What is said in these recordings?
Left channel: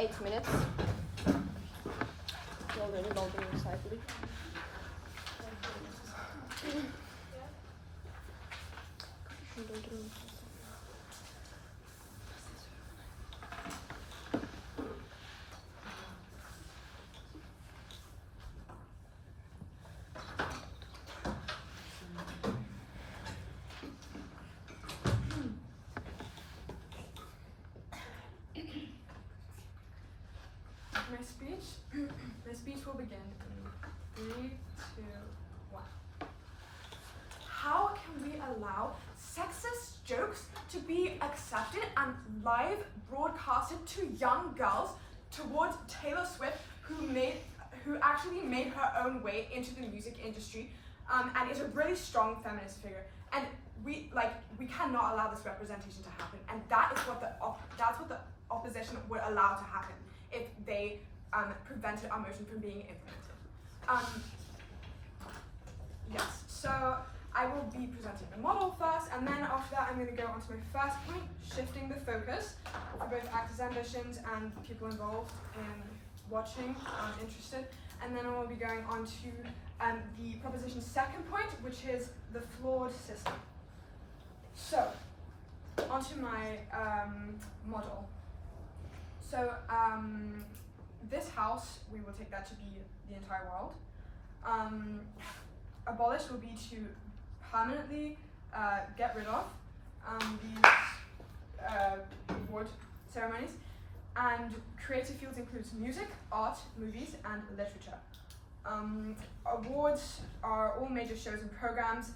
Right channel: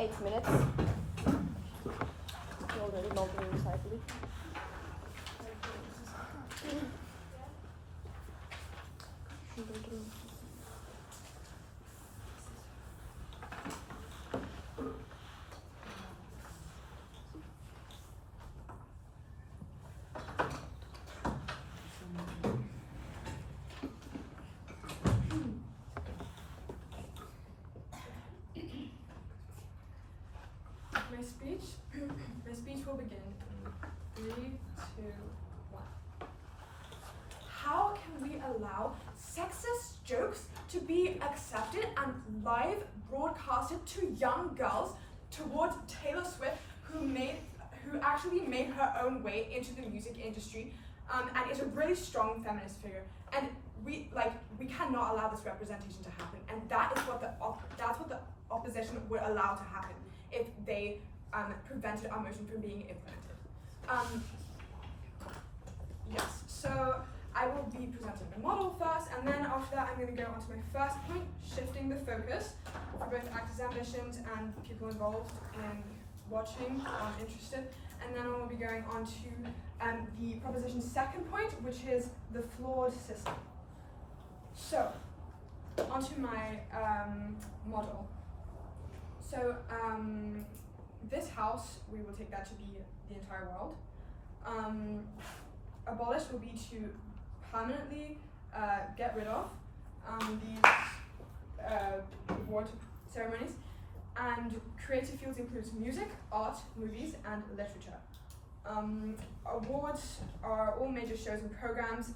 8 minutes. My speech will begin in 3, 2, 1. How can we allow sexist jokes to be accepted and live broadcasted to young girls towards Taylor Swift, who actually made her own way into the music industry, and is a really strong feminist figure. And we cannot allow this representation to happen, and that's what the opposition would allow to happen if they prevented our motion from being implemented. Yes, so I will be presenting the model first, and then after that I'm going to go on to my first point, shifting the focus for both actors' ambitions and people involved in watching, interested, and then I will be going on to the proposition's second point, which is the flawed system. So, onto my model. So, this house, we will take that to be the entire world. Abolish will be to permanently get rid of these award ceremonies, and creative fields includes music, art, movies, and literature. Awards are all major shows and programs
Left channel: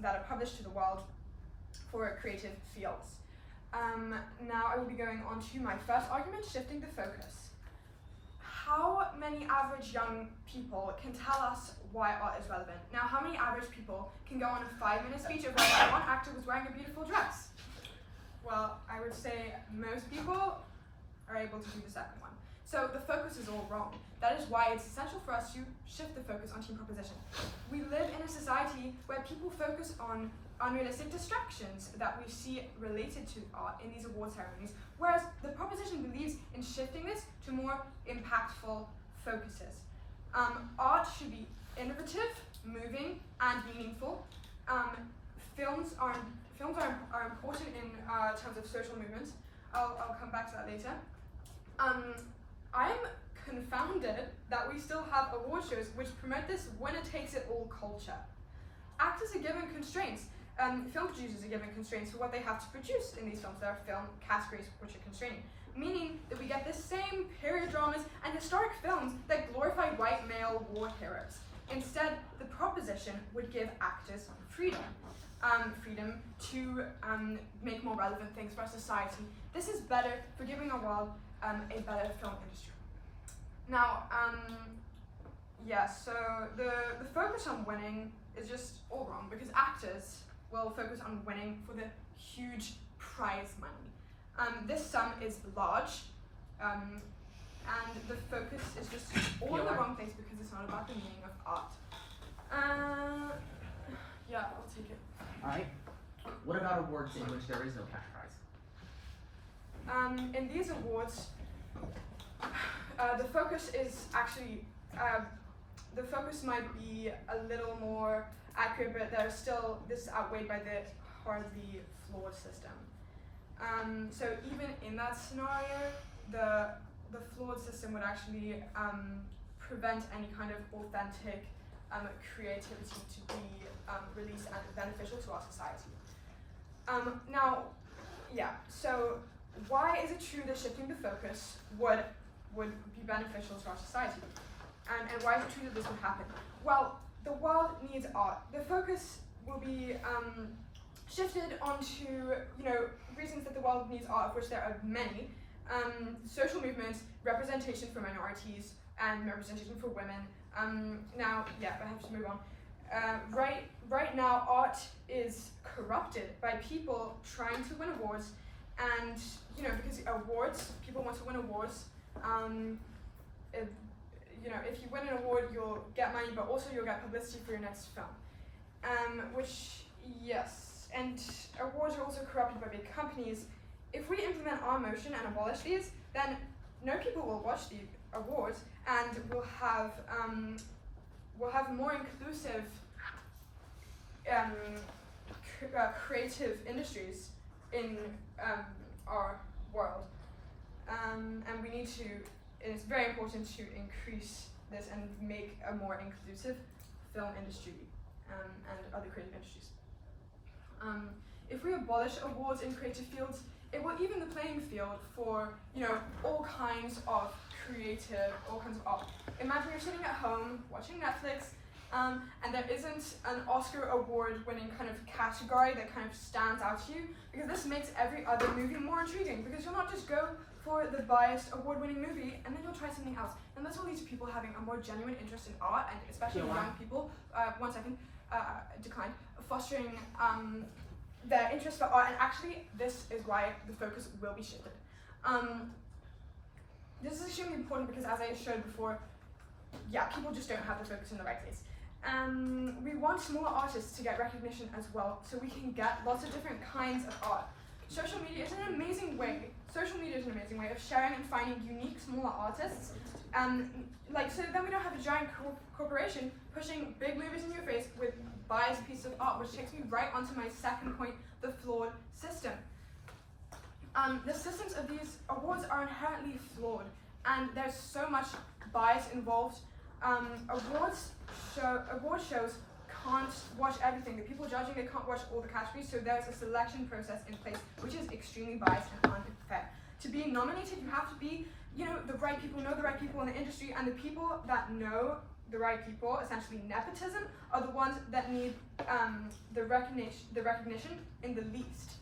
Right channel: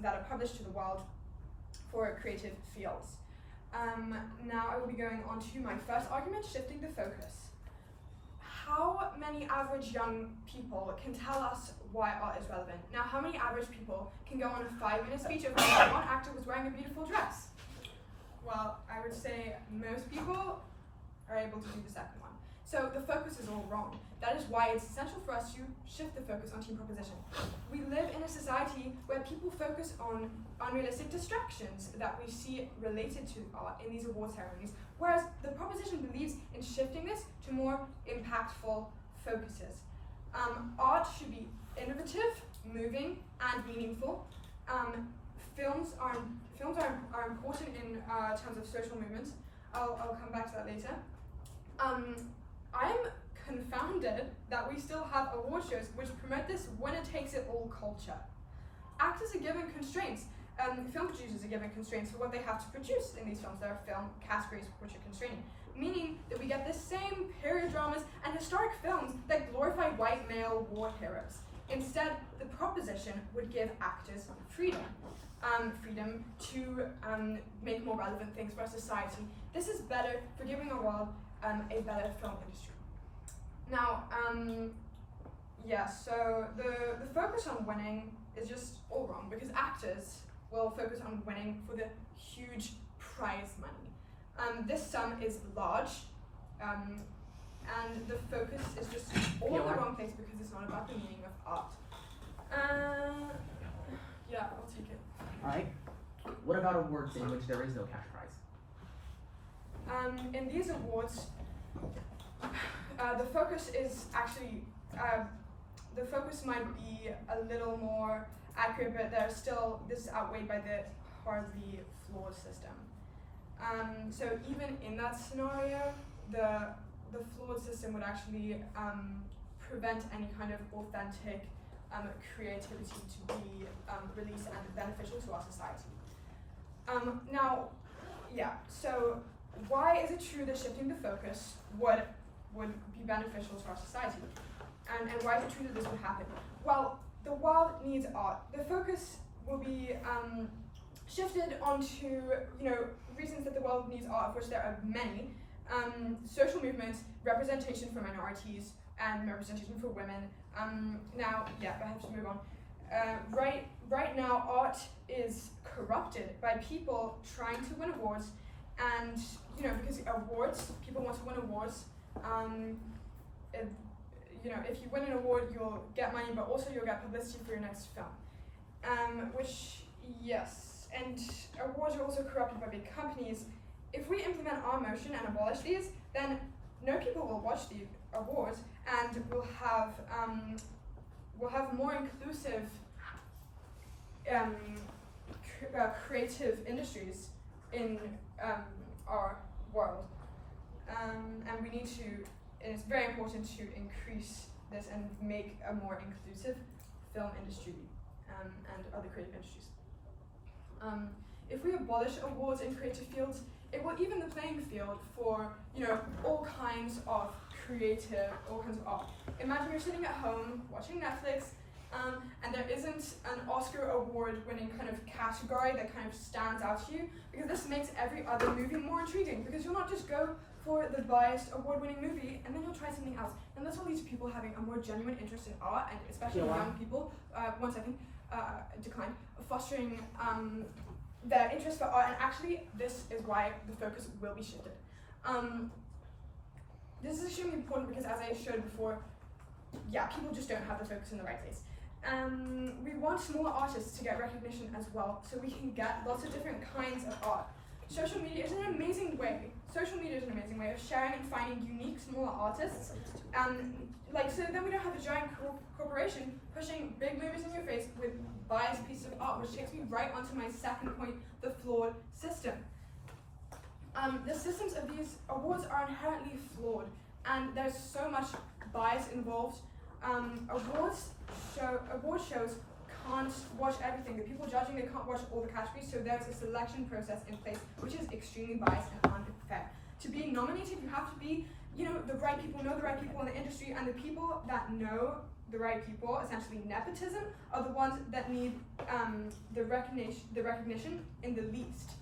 that are published to the world for creative fields. Now I will be going on to my first argument, shifting the focus. How many average young people can tell us why art is relevant? Now, how many average people can go on a 5-minute speech of why one actor was wearing a beautiful dress? Well, I would say most people are able to do the second one. So the focus is all wrong. That is why it's essential for us to shift the focus on team proposition. We live in a society where people focus on unrealistic distractions that we see related to art in these award ceremonies, whereas the proposition believes in shifting this to more impactful focuses. Art should be innovative, moving, and meaningful. Films are important in terms of social movements. I'll come back to that later. I'm confounded that we still have award shows which promote this winner-takes-it-all culture. Actors are given constraints. Film producers are given constraints for what they have to produce in these films. There are film categories which are constraining, meaning that we get the same period dramas and historic films that glorify white male war heroes. Instead, the proposition would give actors freedom. Freedom to make more relevant things for our society. This is better for giving our world a better film industry. Now, so the focus on winning is just all wrong, because actors will focus on winning for the huge prize money. This sum is large, and the focus is just all in the wrong place because it's not about the meaning of art. Yeah, I'll take it. Alright. What about awards in which there is no cash prize? In these awards, the focus is actually, the focus might be a little more accurate, but there's still, this is outweighed by the hardly flawed system. So even in that scenario, the flawed system would actually prevent any kind of authentic creativity to be released and beneficial to our society. So why is it true that shifting the focus would be beneficial to our society? And why is it true that this would happen? Well, the world needs art. The focus will be shifted onto, reasons that the world needs art, of which there are many. Social movements, representation for minorities, and representation for women. I have to move on. Right now, art is corrupted by people trying to win awards, and because awards, people want to win awards. If you win an award, you'll get money, but also you'll get publicity for your next film. And awards are also corrupted by big companies. If we implement our motion and abolish these, then no people will watch the awards, and we'll have more inclusive creative industries in our world, and we need to. It's very important to increase this and make a more inclusive film industry and other creative industries. If we abolish awards in creative fields, it will even the playing field for all kinds of art. Imagine you're sitting at home watching Netflix, and there isn't an Oscar award-winning kind of category that kind of stands out to you, because this makes every other movie more intriguing, because you'll not just go for the biased award-winning movie and then you'll try something else. And this will lead to people having a more genuine interest in art, and especially young people, fostering their interest for art, and actually this is why the focus will be shifted. This is extremely important because, as I showed before, people just don't have the focus in the right place. We want smaller artists to get recognition as well, so we can get lots of different kinds of art. Social media is an amazing way of sharing and finding unique smaller artists. So then we don't have a giant corporation pushing big movies in your face with biased pieces of art, which takes me right onto my second point, the flawed system. The systems of these awards are inherently flawed, and there's so much bias involved. Award shows can't watch everything. The people judging, they can't watch all the categories, so there's a selection process in place, which is extremely biased and unfair. To be nominated, you have to be, the right people, know the right people in the industry, and the people that know the right people, essentially nepotism, are the ones that need the recognition in the least,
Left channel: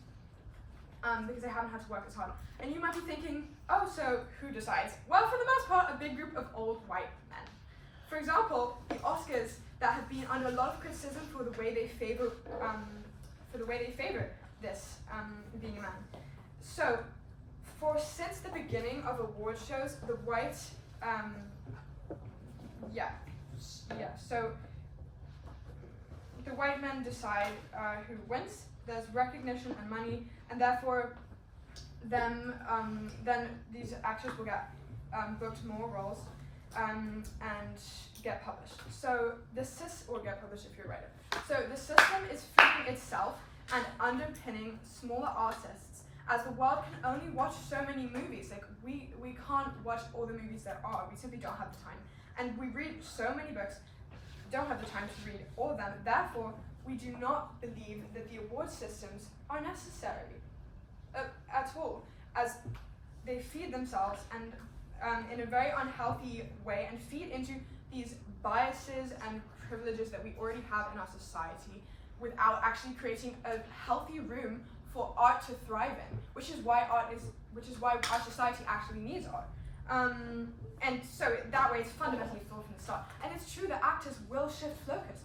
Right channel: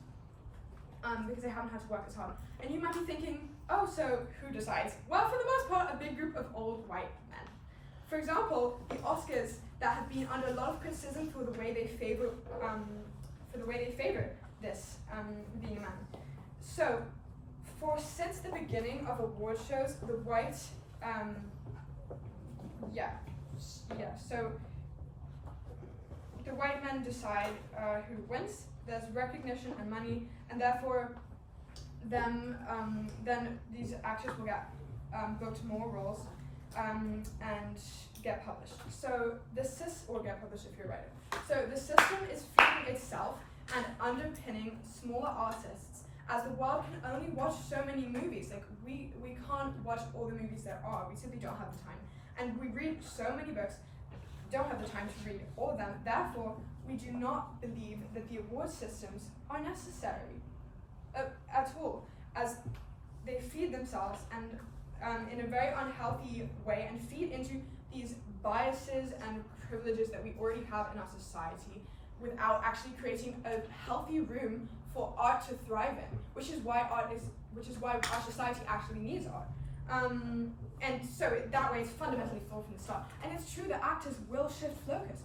because they haven't had to work as hard. And you might be thinking, oh, so who decides? Well, for the most part, a big group of old white men. For example, the Oscars that have been under a lot of criticism for the way they favor this being a man. So, since the beginning of award shows, the white so the white men decide who wins. There's recognition and money, and therefore then these actors will get booked more roles and get published. So get published if you're a writer. So the system is feeding itself and underpinning smaller artists, as the world can only watch so many movies. Like we can't watch all the movies there are. We simply don't have the time. And we read so many books, don't have the time to read all of them. Therefore, we do not believe that the award systems are necessary at all, as they feed themselves and in a very unhealthy way, and feed into these biases and privileges that we already have in our society, without actually creating a healthy room for art to thrive in, which is why our society actually needs art. And so that way it's fundamentally flawed from the start. And it's true that actors will shift focus.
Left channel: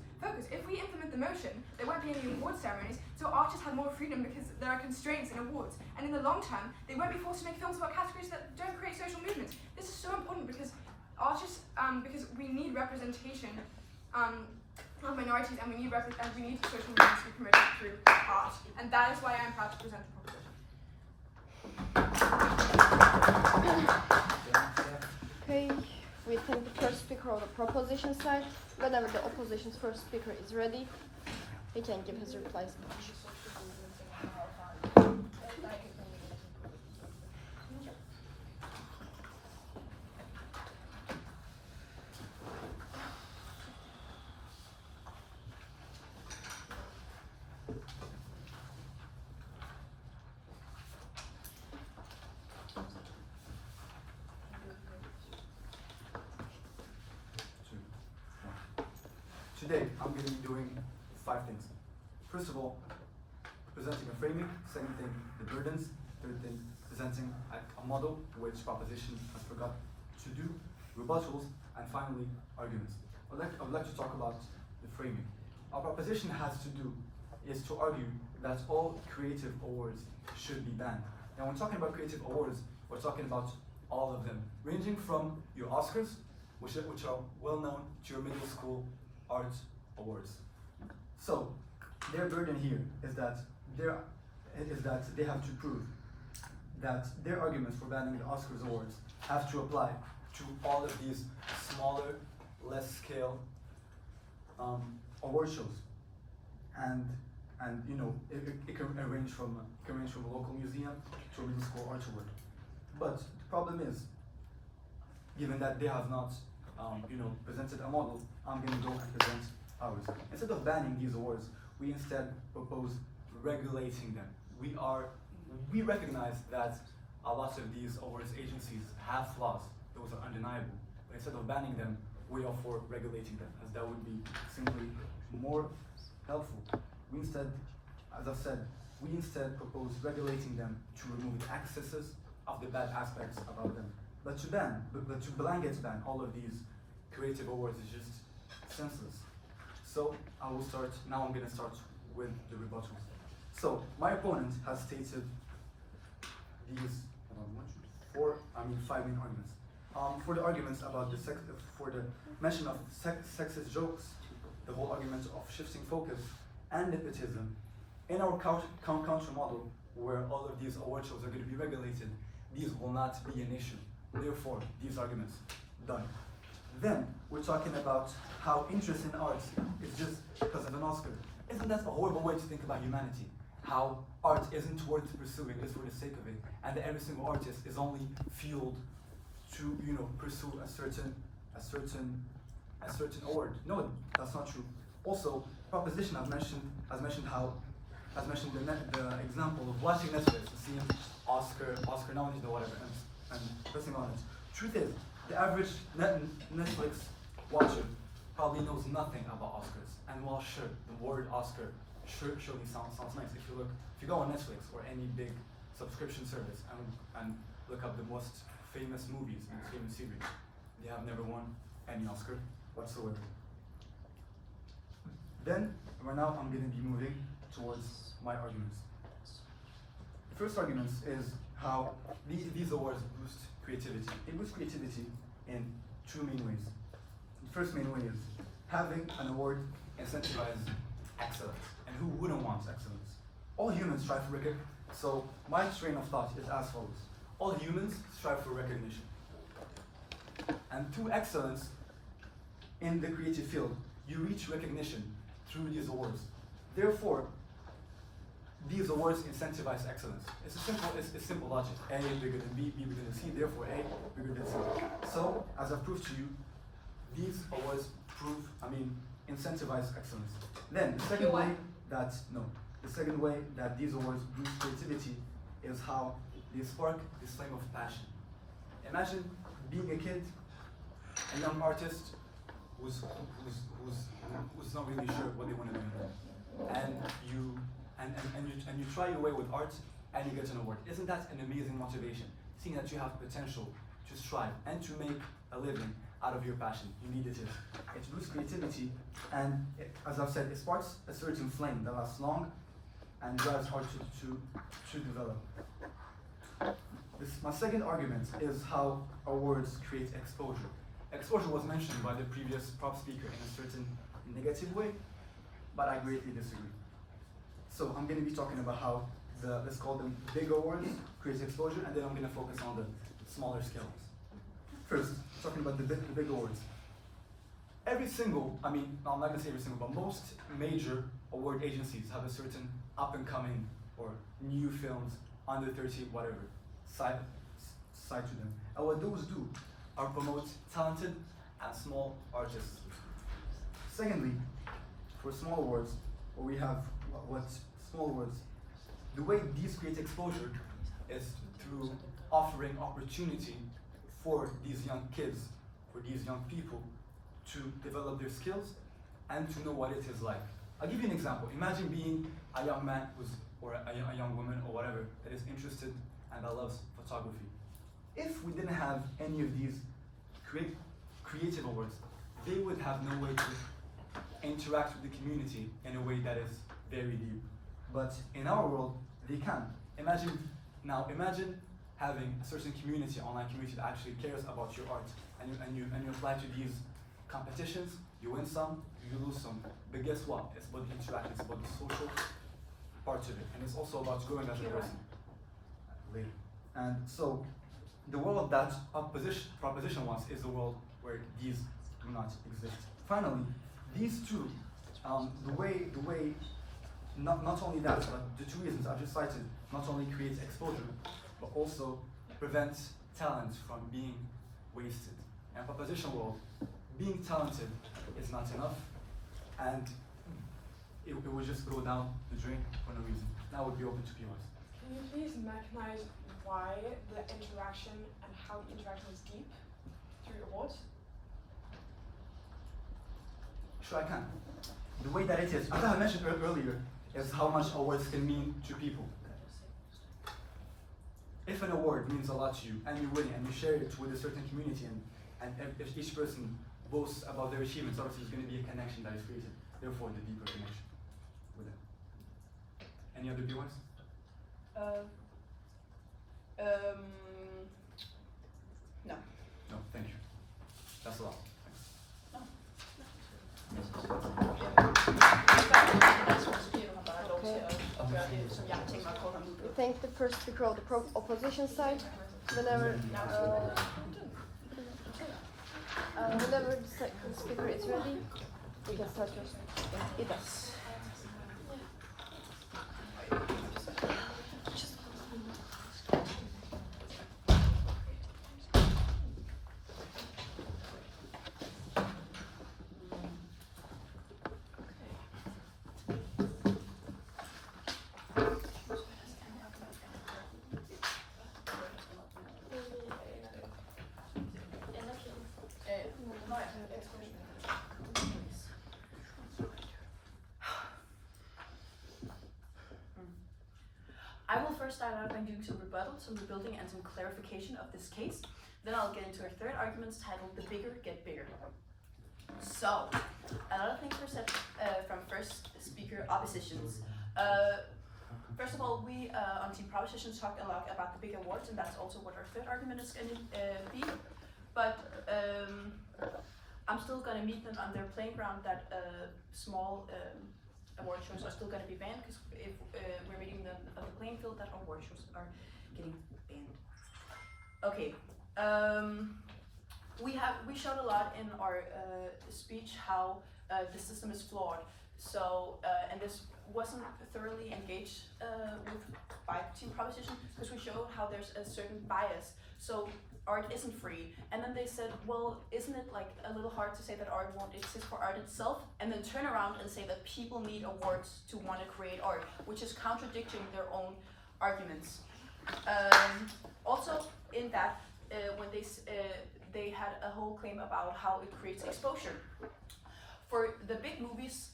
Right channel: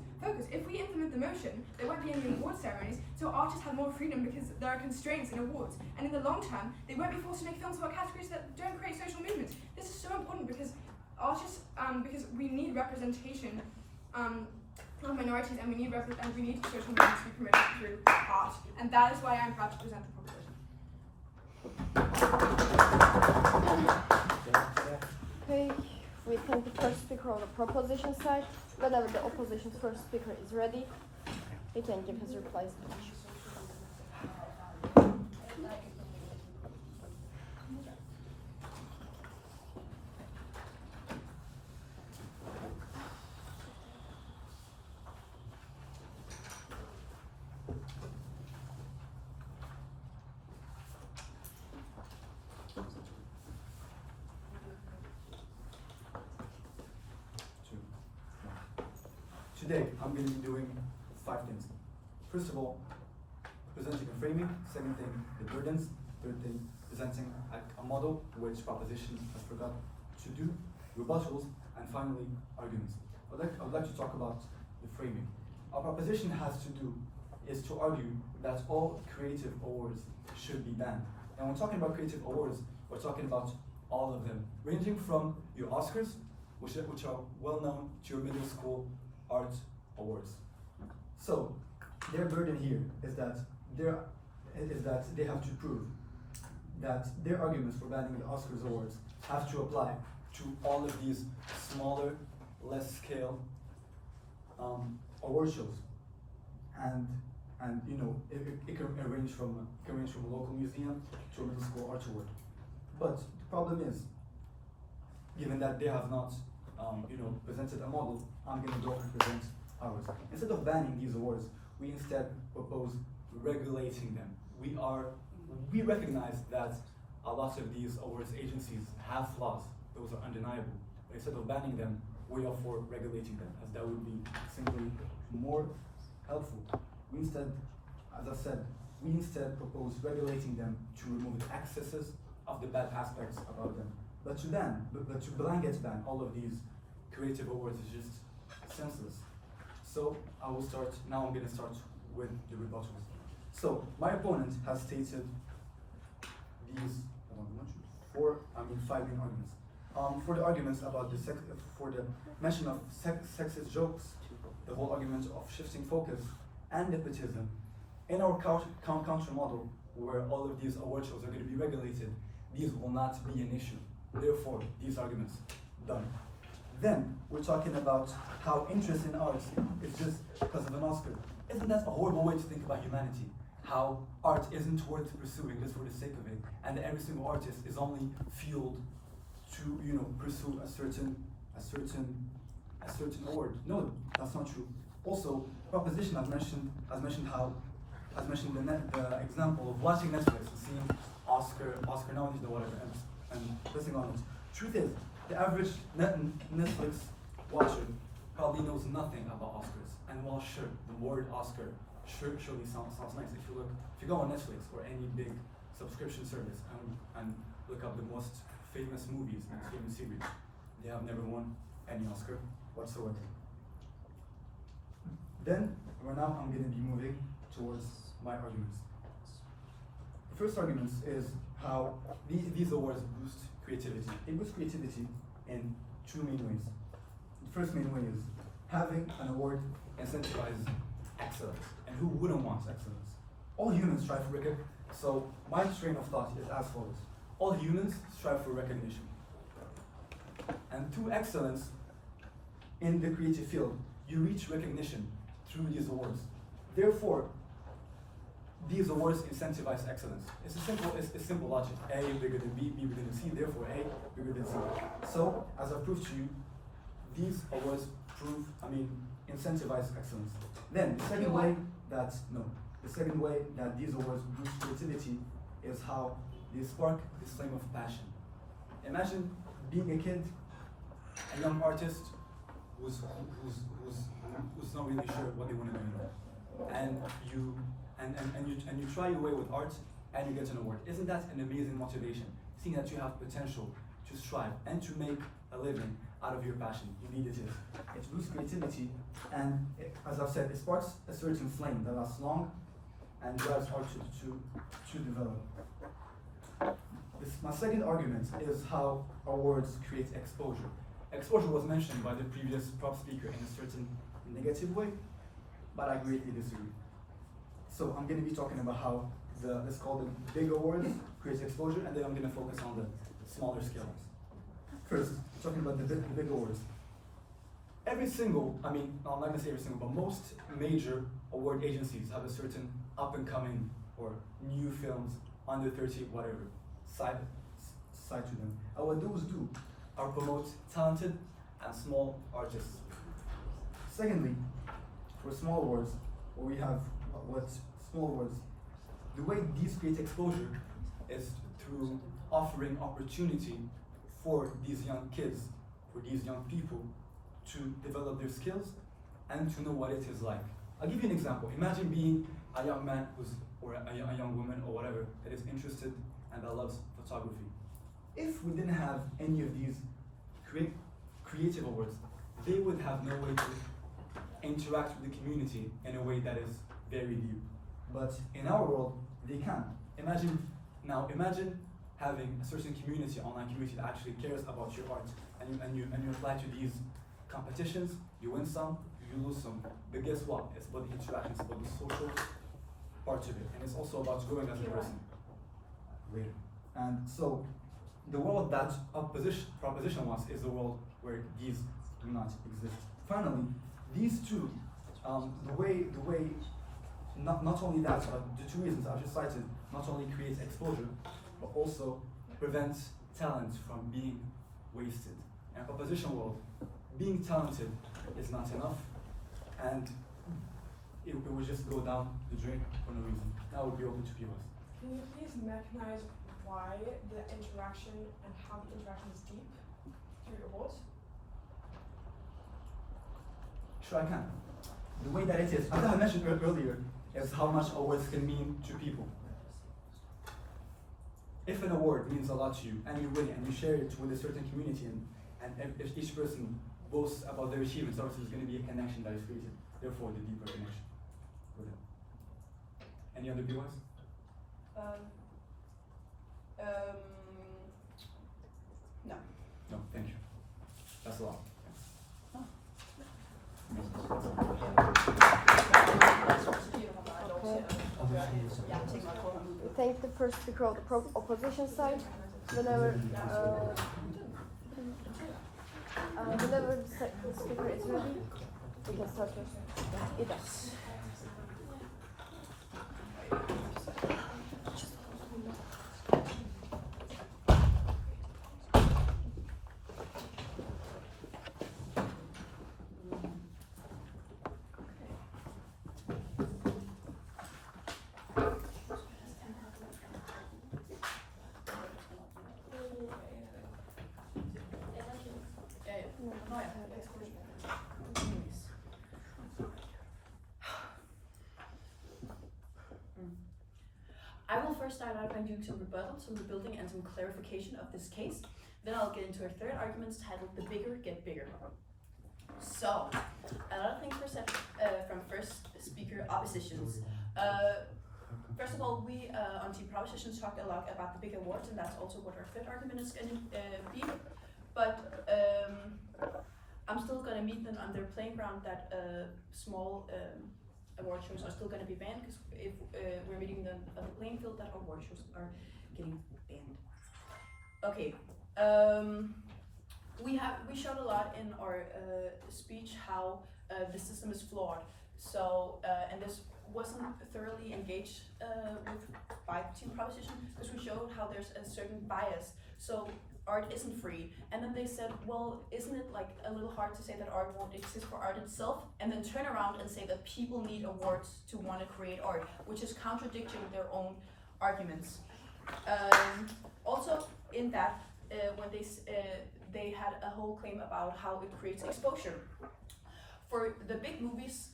If we implement the motion, there won't be any award ceremonies, so artists have more freedom because there are constraints in awards. And in the long term, they won't be forced to make films about categories that don't create social movements. This is so important because artists, because we need representation of minorities, and we need social movements to be promoted through art. And that is why I'm proud to present the proposition. Okay, we think the first speaker of the proposition side. Whenever the opposition's first speaker is ready, he can give his replies. Today, I'm going to be doing 5 things. First of all, presenting a framing. Second thing, the burdens. Third thing, presenting a model, which proposition has forgot to do, rebuttals, and finally, arguments. I would like to talk about the framing. Our proposition is to argue that all creative awards should be banned. And when talking about creative awards, we're talking about all of them, ranging from your Oscars, which are well known, to your middle school art awards. So their burden here is that they have to prove that their arguments for banning the Oscars awards have to apply to all of these smaller, less scale award shows, and you know it can range from a local museum to a middle school art award. But the problem is, given that they have not you know presented a model, I'm going to go and present ours. Instead of banning these awards, we instead propose regulating them. We recognize that a lot of these awards agencies have flaws; those are undeniable. But instead of banning them, we are for regulating them, as that would be simply more helpful. We instead, as I said, we instead propose regulating them to remove the excesses of the bad aspects about them. But to blanket ban all of these creative awards is just senseless. So I'm going to start with the rebuttals. So my opponent has stated these 5 main arguments. For the arguments about for the mention of sexist jokes, the whole argument of shifting focus and nepotism, in our counter model, where all of these award shows are going to be regulated, these will not be an issue. Therefore, these arguments, done. Then, we're talking about how interest in art is just because of an Oscar. Isn't that a horrible way to think about humanity? How art isn't worth pursuing just for the sake of it, and that every single artist is only fueled to, you know, pursue a certain award. No, that's not true. Also, Proposition has mentioned the example of watching Netflix and seeing Oscar nominees or whatever, and pressing on it. Truth is, the average Netflix watcher probably knows nothing about Oscars. And while sure, the word Oscar surely sounds nice. If you go on Netflix or any big subscription service and look up the most famous movies and famous series, they have never won any Oscar whatsoever. Then, right now, I'm going to be moving towards my arguments. The first argument is how these awards boost creativity. They boost creativity in 2 main ways. The first main way is having an award incentivizes excellence. And who wouldn't want excellence? All humans strive for recognition. So my train of thought is as follows. All humans strive for recognition. And through excellence in the creative field, you reach recognition through these awards. Therefore, these awards incentivize excellence. It's simple logic. A bigger than B, B bigger than C, therefore A bigger than C. So, as I've proved to you, these awards incentivize excellence. Then, the second way that these awards boost creativity is how they spark this flame of passion. Imagine being a kid, a young artist who's not really sure what they want to do in life, and you try your way with art and you get an award. Isn't that an amazing motivation? Seeing that you have potential to strive and to make a living out of your passion. You need it. It boosts creativity, and as I've said, it sparks a certain flame that lasts long and drives art to develop. My second argument is how awards create exposure. Exposure was mentioned by the previous prop speaker in a certain negative way, but I greatly disagree. So I'm going to be talking about how let's call them big awards create exposure, and then I'm going to focus on the smaller scales. First, talking about the big awards. I'm not going to say every single, but most major award agencies have a certain up-and-coming or new films, under 30, whatever, side to them. And what those do are promote talented and small artists. Secondly, for small awards, we have small awards. The way these create exposure is through offering opportunity for these young kids, for these young people, to develop their skills and to know what it is like. I'll give you an example. Imagine being a young man or a young woman or whatever that is interested and that loves photography. If we didn't have any of these creative awards, they would have no way to interact with the community in a way that is very deep. But in our world, they can. Imagine having a certain community, online community that actually cares about your art, and you apply to these competitions, you win some, you lose some. But guess what? It's about the interaction, it's about the social part of it, and it's also about growing as a person. Later. And so the world that proposition wants is a world where these do not exist. Finally, these two, the way not only that, but the two reasons I've just cited not only creates exposure, but also prevents talent from being wasted. And proposition world, being talented is not enough, and it would just go down the drain for no reason. That would be open to POS. Can you please mechanize why the interaction and how the interaction is deep through awards? Sure, I can. The way that it is, as I mentioned earlier, is how much awards can mean to people. If an award means a lot to you, and you win it, and you share it with a certain community, and if each person boasts about their achievements, obviously there's going to be a connection that is created. Therefore, the deeper connection with it. Any other viewers? No. No, thank you. That's a lot. We thank the first speaker of the opposition side. Whenever the second speaker is ready, we can start with Idas. I will first start out by doing some rebuttal, some rebuilding, and some clarification of this case. Then I'll get into our third argument titled The Bigger Get Bigger. So, a lot of things were said from first speaker oppositions. First of all, we on Team Propositions talked a lot about the big awards, and that's also what our third argument is going to be. But I'm still going to meet them on their playing ground that small award shows are still going to be banned, because if we're meeting them on the playing field that award shows are getting banned. Okay, we showed a lot in our speech how the system is flawed. So and this wasn't thoroughly engaged with by Team Proposition, because we showed how there's a certain bias. So art isn't free, and then they said, well, isn't it like a little hard to say that art won't exist for art itself, and then turn around and say that people need awards to want to create art, which is contradicting their own arguments. Also in that, when they had a whole claim about how it creates exposure. For the big movies,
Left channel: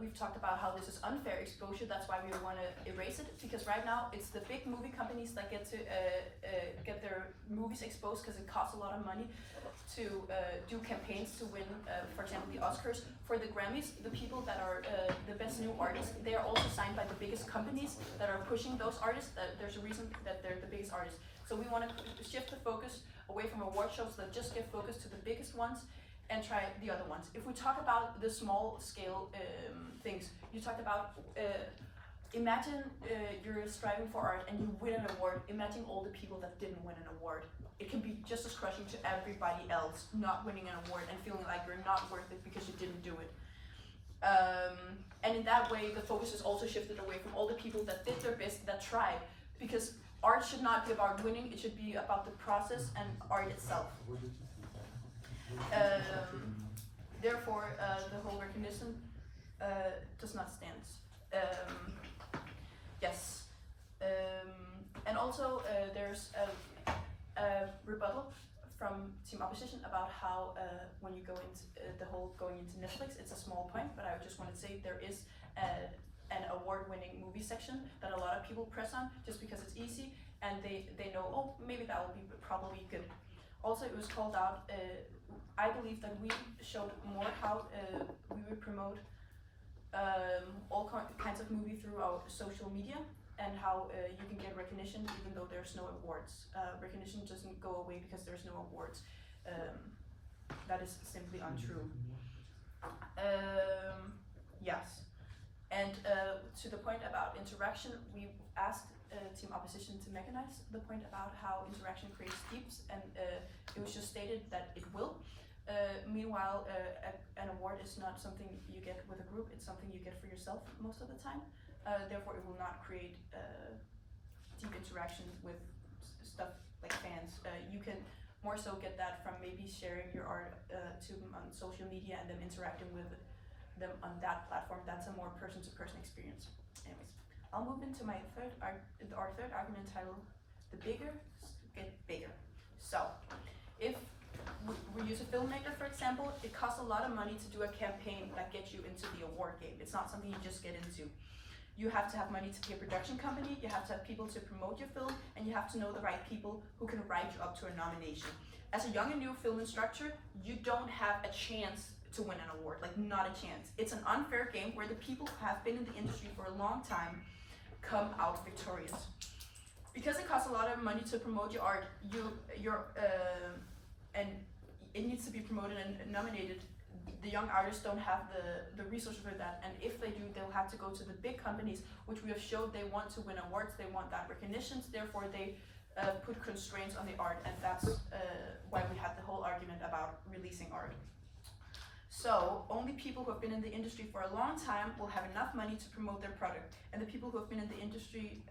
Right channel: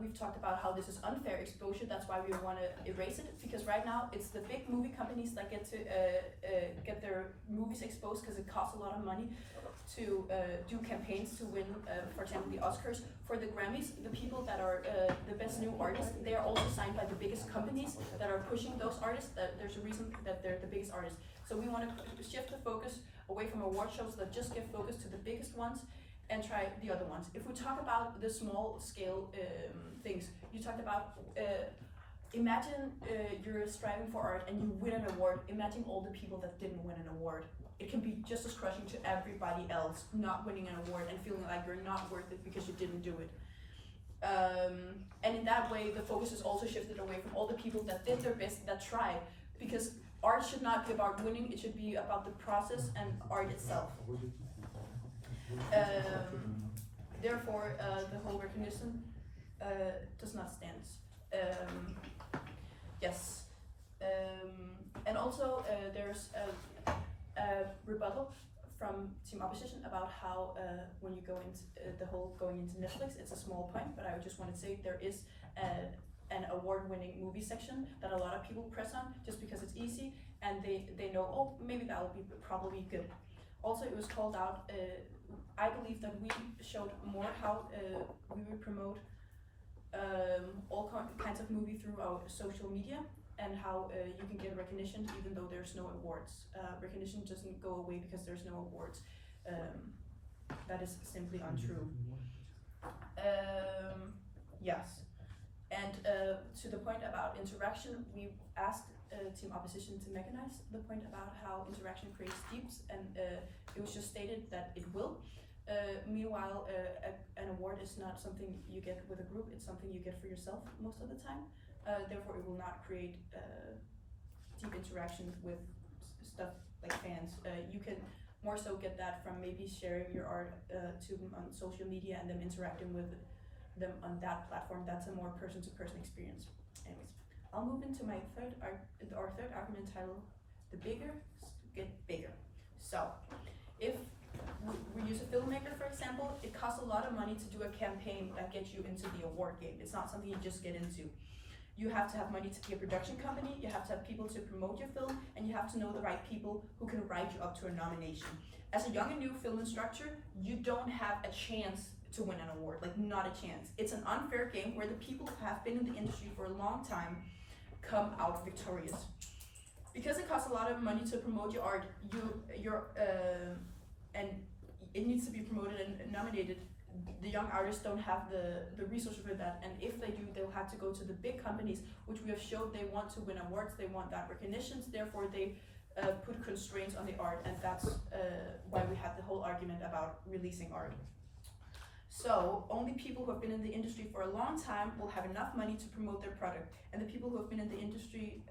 we've talked about how this is unfair exposure. That's why we want to erase it, because right now it's the big movie companies that get to get their movies exposed, because it costs a lot of money to do campaigns to win, for example, the Oscars. For the Grammys, the people that are the best new artists, they are also signed by the biggest companies that are pushing those artists. There's a reason that they're the biggest artists. So we want to shift the focus away from award shows that just give focus to the biggest ones, and try the other ones. If we talk about the small scale things, you talked about, imagine you're striving for art and you win an award. Imagine all the people that didn't win an award. It can be just as crushing to everybody else not winning an award and feeling like you're not worth it because you didn't do it. And in that way, the focus is also shifted away from all the people that did their best, that tried, because art should not be about winning, it should be about the process and art itself. Therefore, the whole recognition does not stand. Yes. And also, there's a rebuttal from Team Opposition about how when you go into the whole going into Netflix, it's a small point, but I just want to say there is an award-winning movie section that a lot of people press on just because it's easy, and they know, oh, maybe that will be probably good. Also, it was called out, I believe that we showed more how we would promote all kinds of movie through our social media, and how you can get recognition even though there's no awards. Recognition doesn't go away because there's no awards. That is simply untrue. Yes. And to the point about interaction, we asked Team Opposition to mechanize the point about how interaction creates deeps, and it was just stated that it will. Meanwhile, an award is not something you get with a group, it's something you get for yourself most of the time. Therefore, it will not create deep interaction with stuff like fans. You can more so get that from maybe sharing your art to on social media and them interacting with them on that platform. That's a more person-to-person experience. Anyways, I'll move into my our third argument titled, "The bigger get bigger." So, if we use a filmmaker, for example, it costs a lot of money to do a campaign that gets you into the award game. It's not something you just get into. You have to have money to pay a production company, you have to have people to promote your film, and you have to know the right people who can write you up to a nomination. As a young and new film instructor, you don't have a chance to win an award, like not a chance. It's an unfair game where the people who have been in the industry for a long time come out victorious. Because it costs a lot of money to promote your art, and it needs to be promoted and nominated. The young artists don't have the resources for that, and if they do, they'll have to go to the big companies, which we have showed they want to win awards, they want that recognitions, therefore they put constraints on the art, and that's why we had the whole argument about releasing art. So, only people who have been in the industry for a long time will have enough money to promote their product, and the people who have been in the industry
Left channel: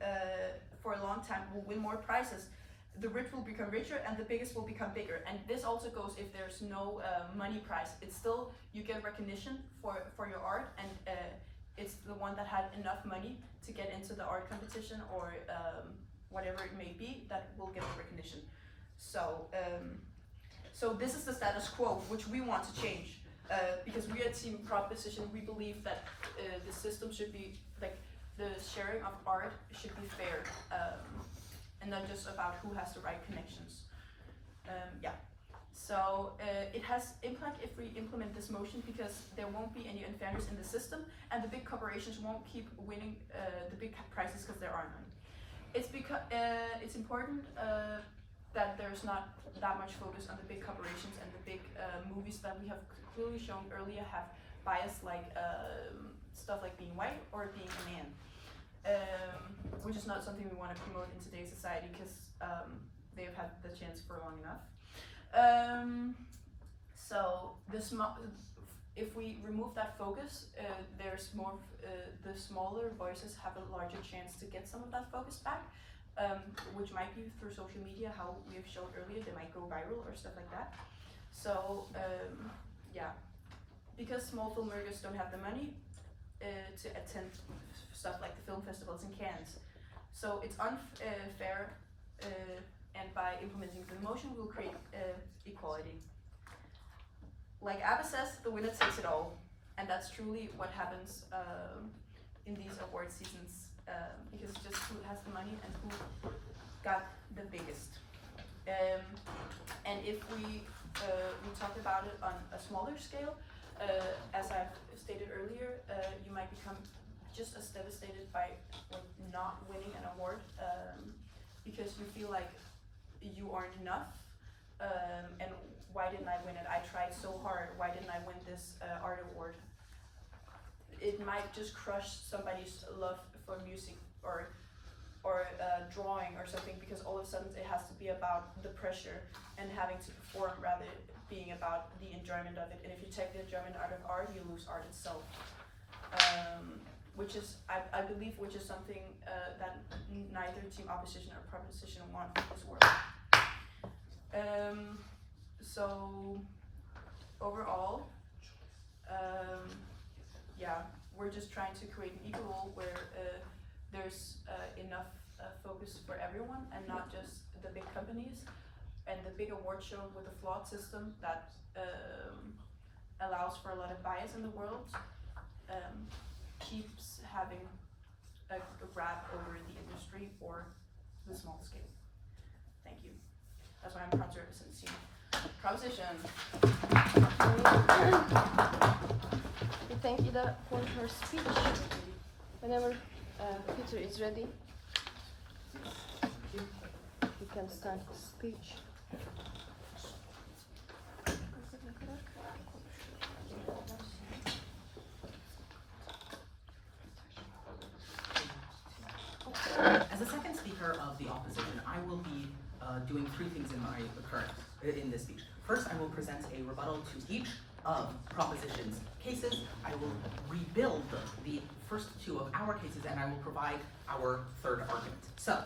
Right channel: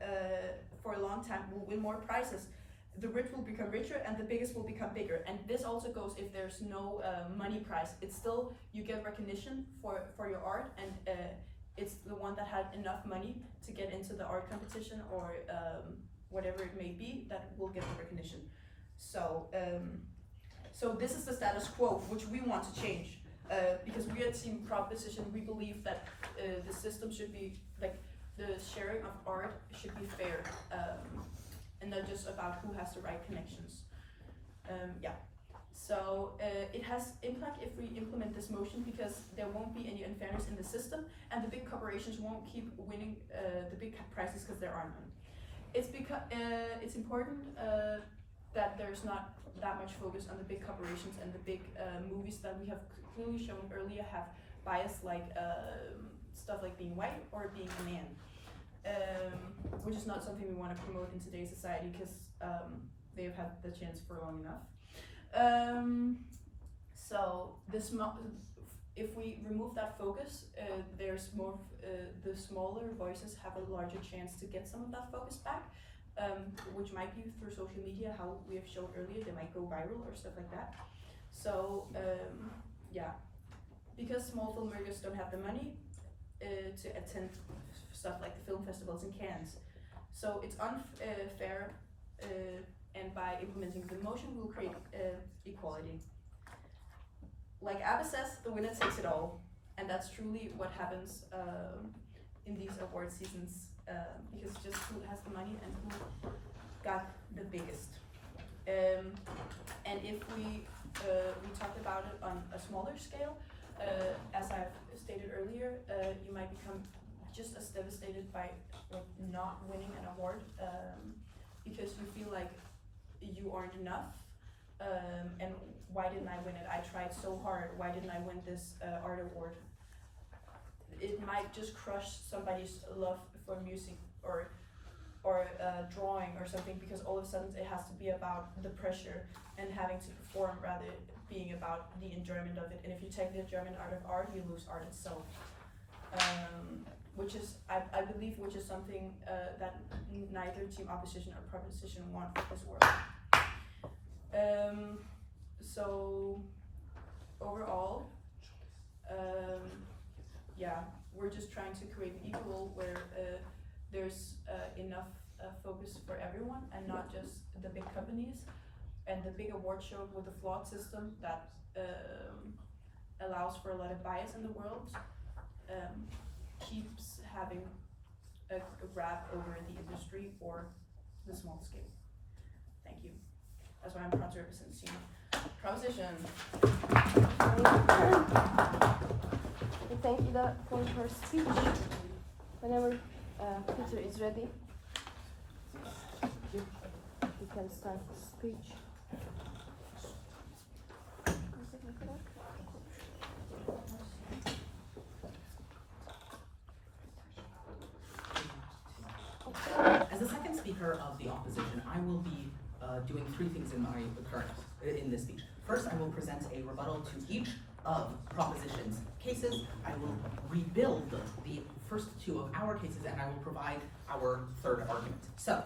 for a long time will win more prizes. The rich will become richer and the biggest will become bigger. And this also goes if there's no money prize. It's still, you get recognition for your art, and it's the one that had enough money to get into the art competition or whatever it may be that will get the recognition. So, so this is the status quo, which we want to change. Because we at Team Proposition, we believe that the system should be, like, the sharing of art should be fair. And not just about who has the right connections. Yeah. So it has impact if we implement this motion, because there won't be any unfairness in the system, and the big corporations won't keep winning the big prizes because there are none. It's because it's important that there's not that much focus on the big corporations and the big movies that we have clearly shown earlier have bias, like stuff like being white or being a man. Which is not something we want to promote in today's society, because they have had the chance for long enough. So if we remove that focus, there's more. The smaller voices have a larger chance to get some of that focus back, which might be through social media, how we have shown earlier. They might go viral or stuff like that. So yeah, because small filmmakers don't have the money to attend stuff like the film festivals in Cannes. So it's unfair, and by implementing the motion, we'll create equality. Like Abba says, the winner takes it all, and that's truly what happens in these award seasons, because just who has the money and who got the biggest. And if we talked about it on a smaller scale, as I've stated earlier, you might become just as devastated by not winning an award, because you feel like you aren't enough, and why didn't I win it? I tried so hard, why didn't I win this art award? It might just crush somebody's love for music or drawing or something, because all of a sudden it has to be about the pressure and having to perform rather being about the enjoyment of it. And if you take the enjoyment out of art, you lose art itself. Which is, I believe, which is something that neither Team Opposition or Proposition want for this world. So overall, yeah, we're just trying to create an equal world where there's enough focus for everyone, and not just the big companies and the big award show with a flawed system that allows for a lot of bias in the world. Keeps having a grab over the industry or the small scale. Thank you. That's why I'm proud to represent Team Proposition. Thank Ida for her speech. Whenever Peter is ready, you can start the speech. representative of the opposition, I will be doing three things in this speech. First, I will present a rebuttal to each of proposition's cases. I will rebuild the first two of our cases, and I will provide our third argument. So,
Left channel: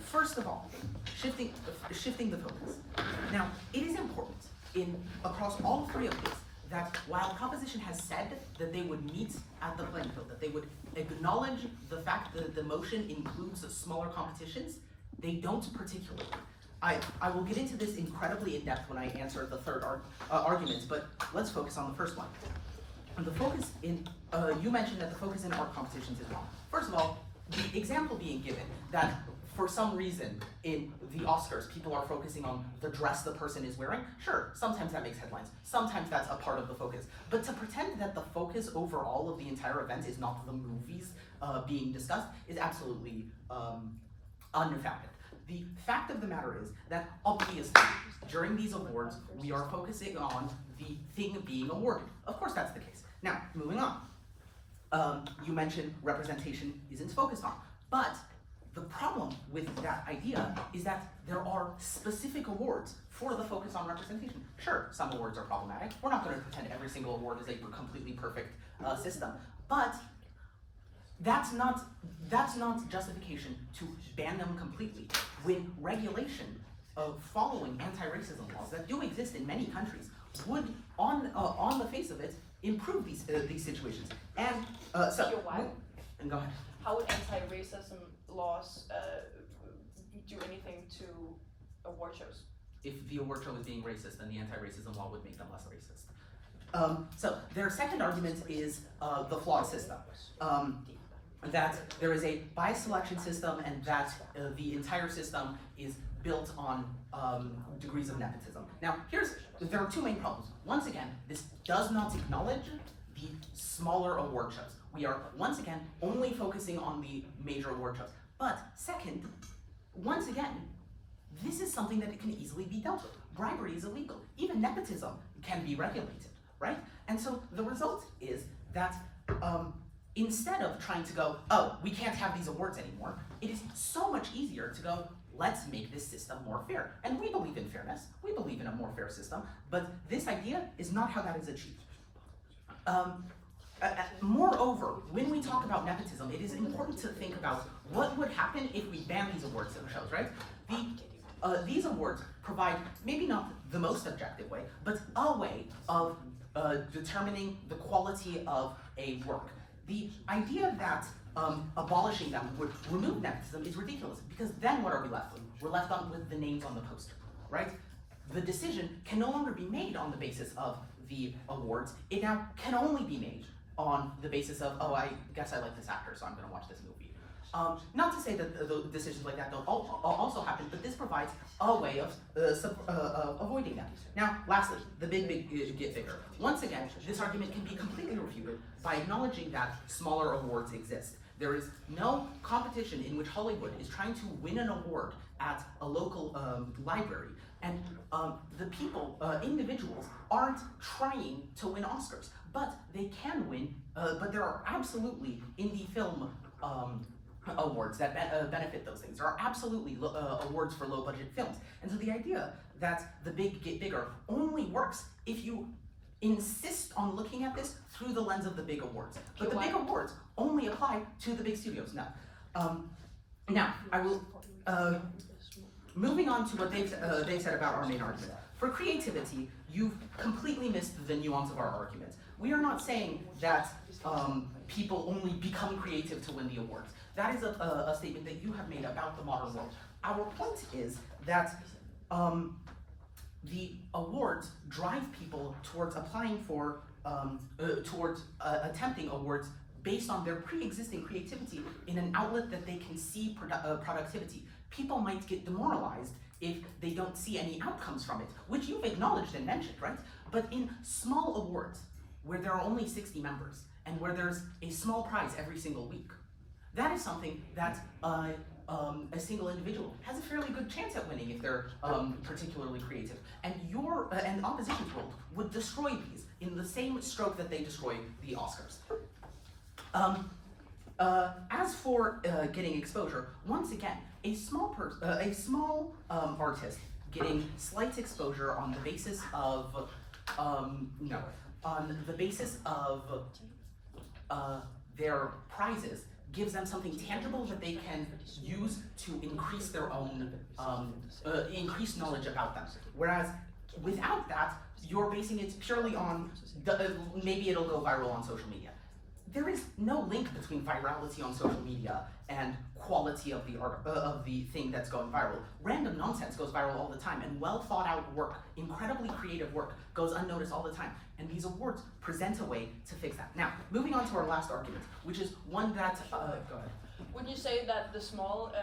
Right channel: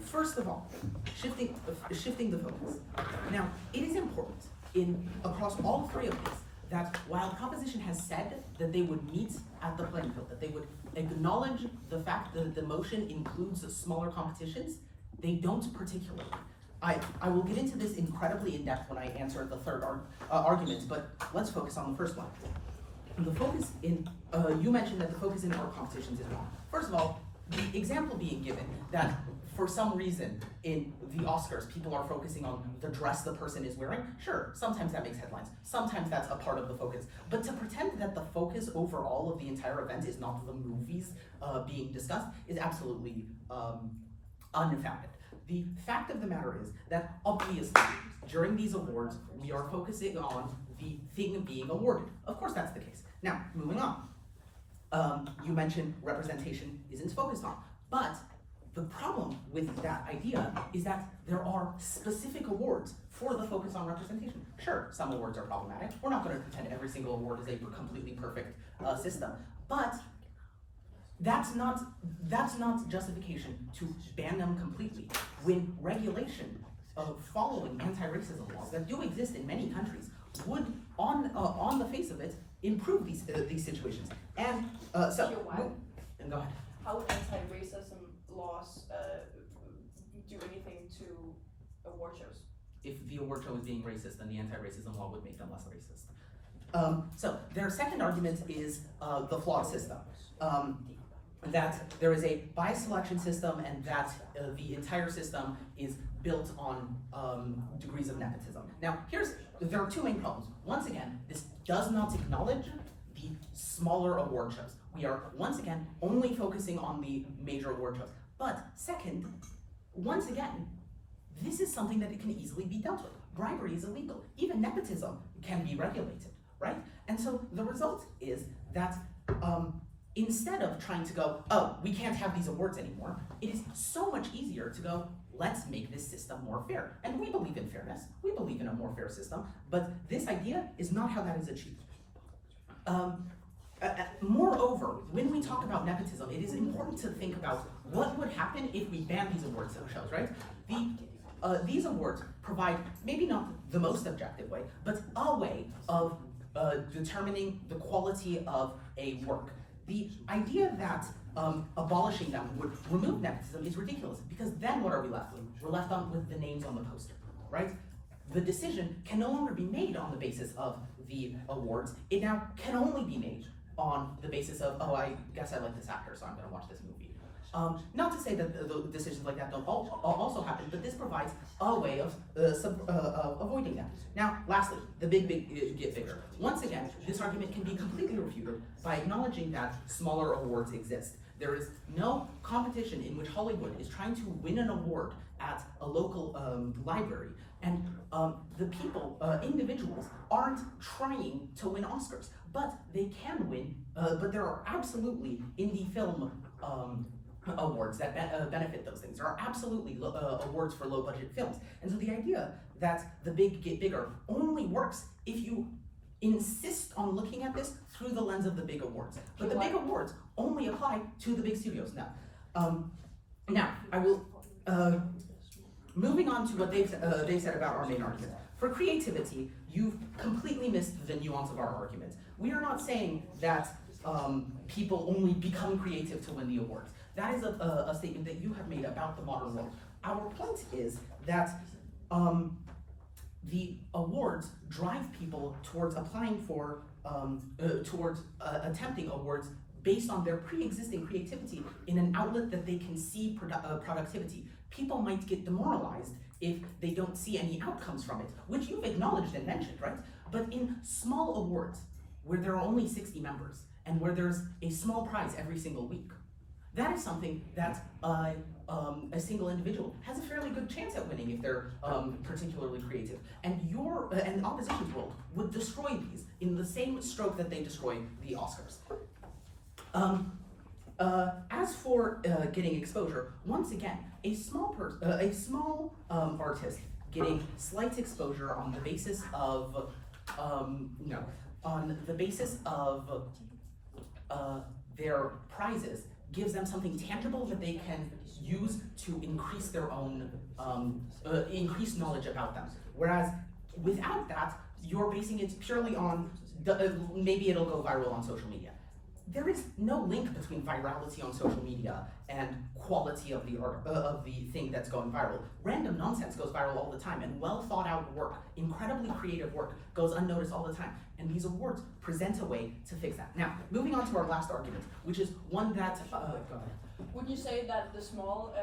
first of all, shifting the focus. Now, it is important across all three of these that while proposition has said that they would meet at the playing field, that they would acknowledge the fact that the motion includes smaller competitions, they don't particularly. I will get into this incredibly in depth when I answer the third argument, but let's focus on the first one. And the focus you mentioned that the focus in art competitions is wrong. First of all, the example being given that for some reason in the Oscars, people are focusing on the dress the person is wearing. Sure, sometimes that makes headlines. Sometimes that's a part of the focus. But to pretend that the focus overall of the entire event is not the movies being discussed is absolutely unfounded. The fact of the matter is that obviously, during these awards, we are focusing on the thing being awarded. Of course that's the case. Now, moving on. You mentioned representation isn't focused on, but the problem with that idea is that there are specific awards for the focus on representation. Sure, some awards are problematic. We're not going to pretend every single award is a completely perfect system, but that's not justification to ban them completely. When regulation of following anti-racism laws that do exist in many countries would, on the face of it, improve these situations. And and go ahead. How would anti-racism laws do anything to award shows? If the award show is being racist, then the anti-racism law would make them less racist. So their second argument is the flawed system. That there is a bias selection system and that the entire system is built on degrees of nepotism. Now, there are two main problems. Once again, this does not acknowledge the smaller award shows. We are, once again, only focusing on the major award shows. But second, once again, this is something that it can easily be dealt with. Bribery is illegal. Even nepotism can be regulated, right? And so the result is that instead of trying to go, oh, we can't have these awards anymore, it is so much easier to go, let's make this system more fair. And we believe in fairness. We believe in a more fair system, but this idea is not how that is achieved. Moreover, when we talk about nepotism, it is important to think about what would happen if we banned these awards shows, right? These awards provide maybe not the most objective way, but a way of determining the quality of a work. The idea that abolishing them would remove nepotism is ridiculous, because then what are we left with? We're left with the names on the poster, right? The decision can no longer be made on the basis of the awards. It now can only be made on the basis of, oh, I guess I like this actor, so I'm gonna watch this movie. Not to say that the decisions like that don't also happen, but this provides a way of avoiding them. Now, lastly, the big get bigger. Once again, this argument can be completely refuted by acknowledging that smaller awards exist. There is no competition in which Hollywood is trying to win an award at a local library, and the people, individuals, aren't trying to win Oscars, but they can win, but there are absolutely indie film awards that benefit those things. There are absolutely awards for low-budget films. And so the idea that the big get bigger only works if you insist on looking at this through the lens of the big awards. But the big awards only apply to the big studios now. Now, I will, moving on to what they've said about our main argument. For creativity, you've completely missed the nuance of our argument. We are not saying that people only become creative to win the awards. That is a statement that you have made about the modern world. Our point is that the awards drive people towards applying for, attempting awards based on their pre-existing creativity in an outlet that they can see productivity. People might get demoralized if they don't see any outcomes from it, which you've acknowledged and mentioned, right? But in small awards, where there are only 60 members, and where there's a small prize every single week, that is something that a single individual has a fairly good chance at winning if they're particularly creative. And and the opposition's world would destroy these in the same stroke that they destroy the Oscars. As as for getting exposure, once again, a small artist getting slight exposure on the basis of their prizes gives them something tangible that they can use to increase their own increase knowledge about them. Whereas without that, you're basing it purely on maybe it'll go viral on social media. There is no link between virality on social media and quality of the art of the thing that's going viral. Random nonsense goes viral all the time, and well thought out work, incredibly creative work, goes unnoticed all the time. And these awards present a way to fix that. Now, moving on to our last argument, which is one that go ahead. Would you say that the small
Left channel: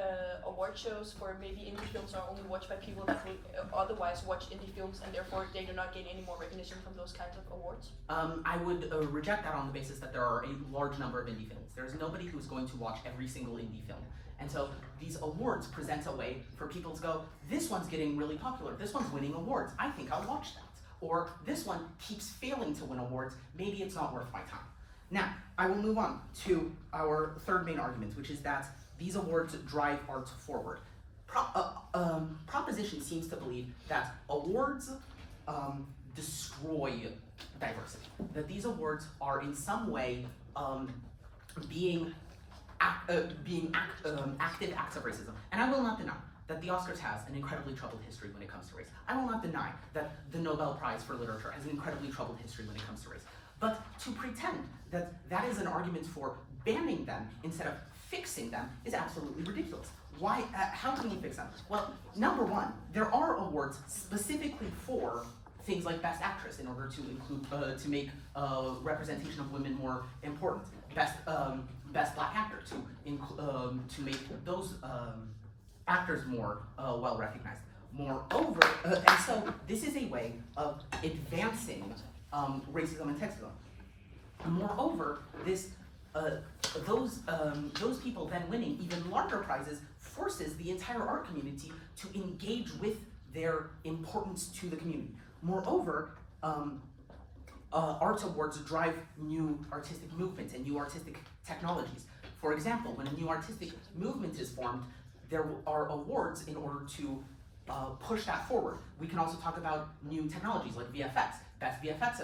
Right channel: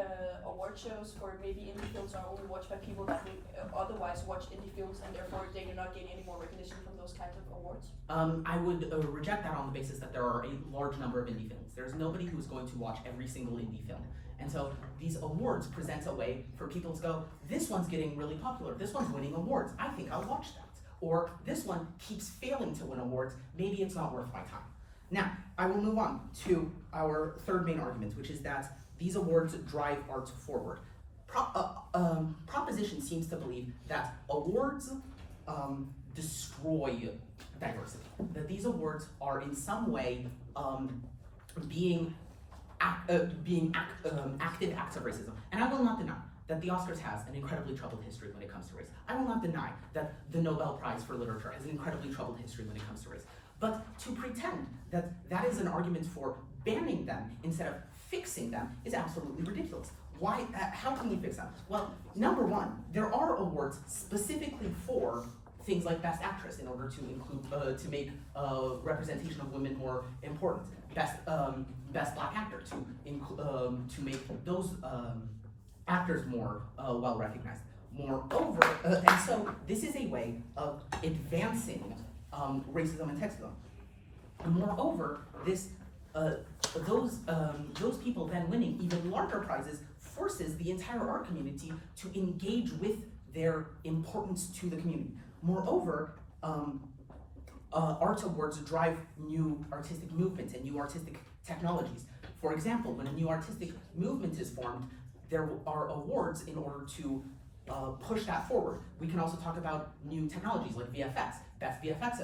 award shows for maybe indie films are only watched by people that would otherwise watch indie films, and therefore they do not gain any more recognition from those kinds of awards? I would reject that on the basis that there are a large number of indie films. There's nobody who's going to watch every single indie film. And so these awards present a way for people to go, this one's getting really popular, this one's winning awards, I think I'll watch that. Or this one keeps failing to win awards, maybe it's not worth my time. Now, I will move on to our third main argument, which is that these awards drive art forward. Proposition seems to believe that awards destroy diversity, that these awards are in some way being active acts of racism. And I will not deny that the Oscars has an incredibly troubled history when it comes to race. I will not deny that the Nobel Prize for Literature has an incredibly troubled history when it comes to race. But to pretend that that is an argument for banning them instead of fixing them is absolutely ridiculous. Why? How can we fix them? Well, number one, there are awards specifically for things like Best Actress in order to include, to make representation of women more important. Best Black Actor to make those actors more well recognized. Moreover, and so this is a way of advancing racism and sexism. Moreover, those people then winning even larger prizes forces the entire art community to engage with their importance to the community. Moreover, art awards drive new artistic movements and new artistic technologies. For example, when a new artistic movement is formed, there are awards in order to push that forward. We can also talk about new technologies like VFX, best VFX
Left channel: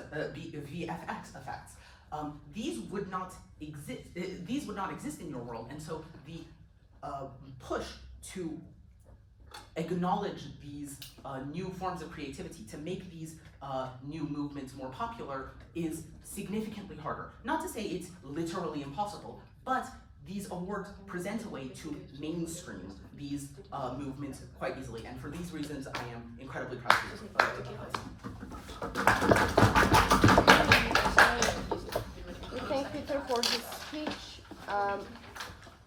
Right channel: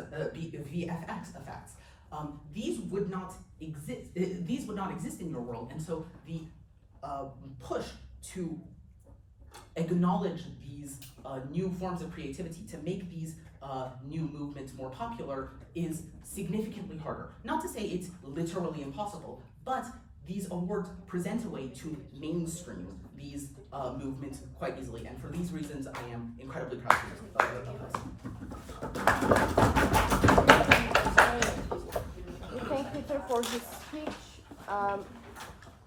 effects. These would not exist in your world, and so the push to acknowledge these new forms of creativity, to make these new movements more popular, is significantly harder. Not to say it's literally impossible, but these awards present a way to mainstream these movements quite easily, and for these reasons, I am incredibly proud of this. Thank Peter for his speech.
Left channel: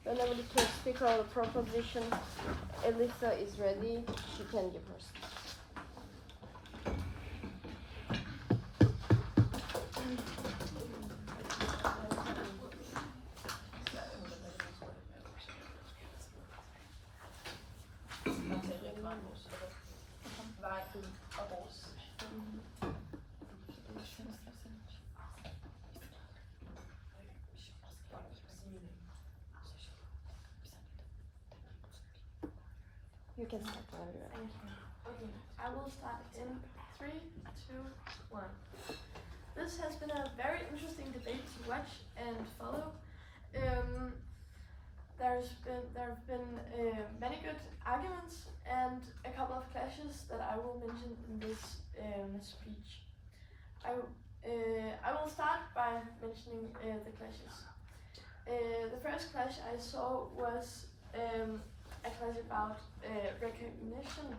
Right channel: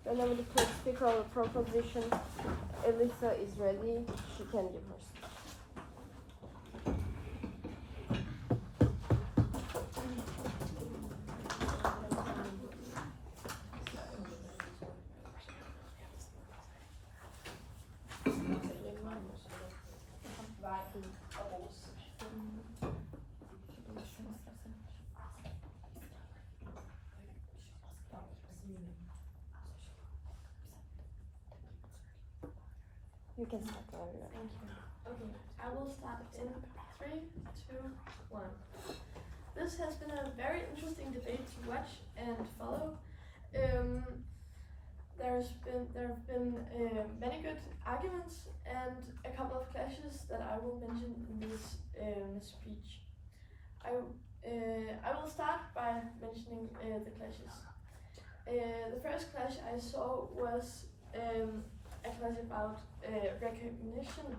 And then the first speaker of the proposition, Elisa, is ready. She can give her speech. You can start. Thank you. Okay, I will start in 3, 2, 1. This has been a very interesting debate to watch and follow. There have been many good arguments and a couple of clashes that I will mention in this speech. I will start by mentioning the clashes. The first clash I saw was a clash about recognition.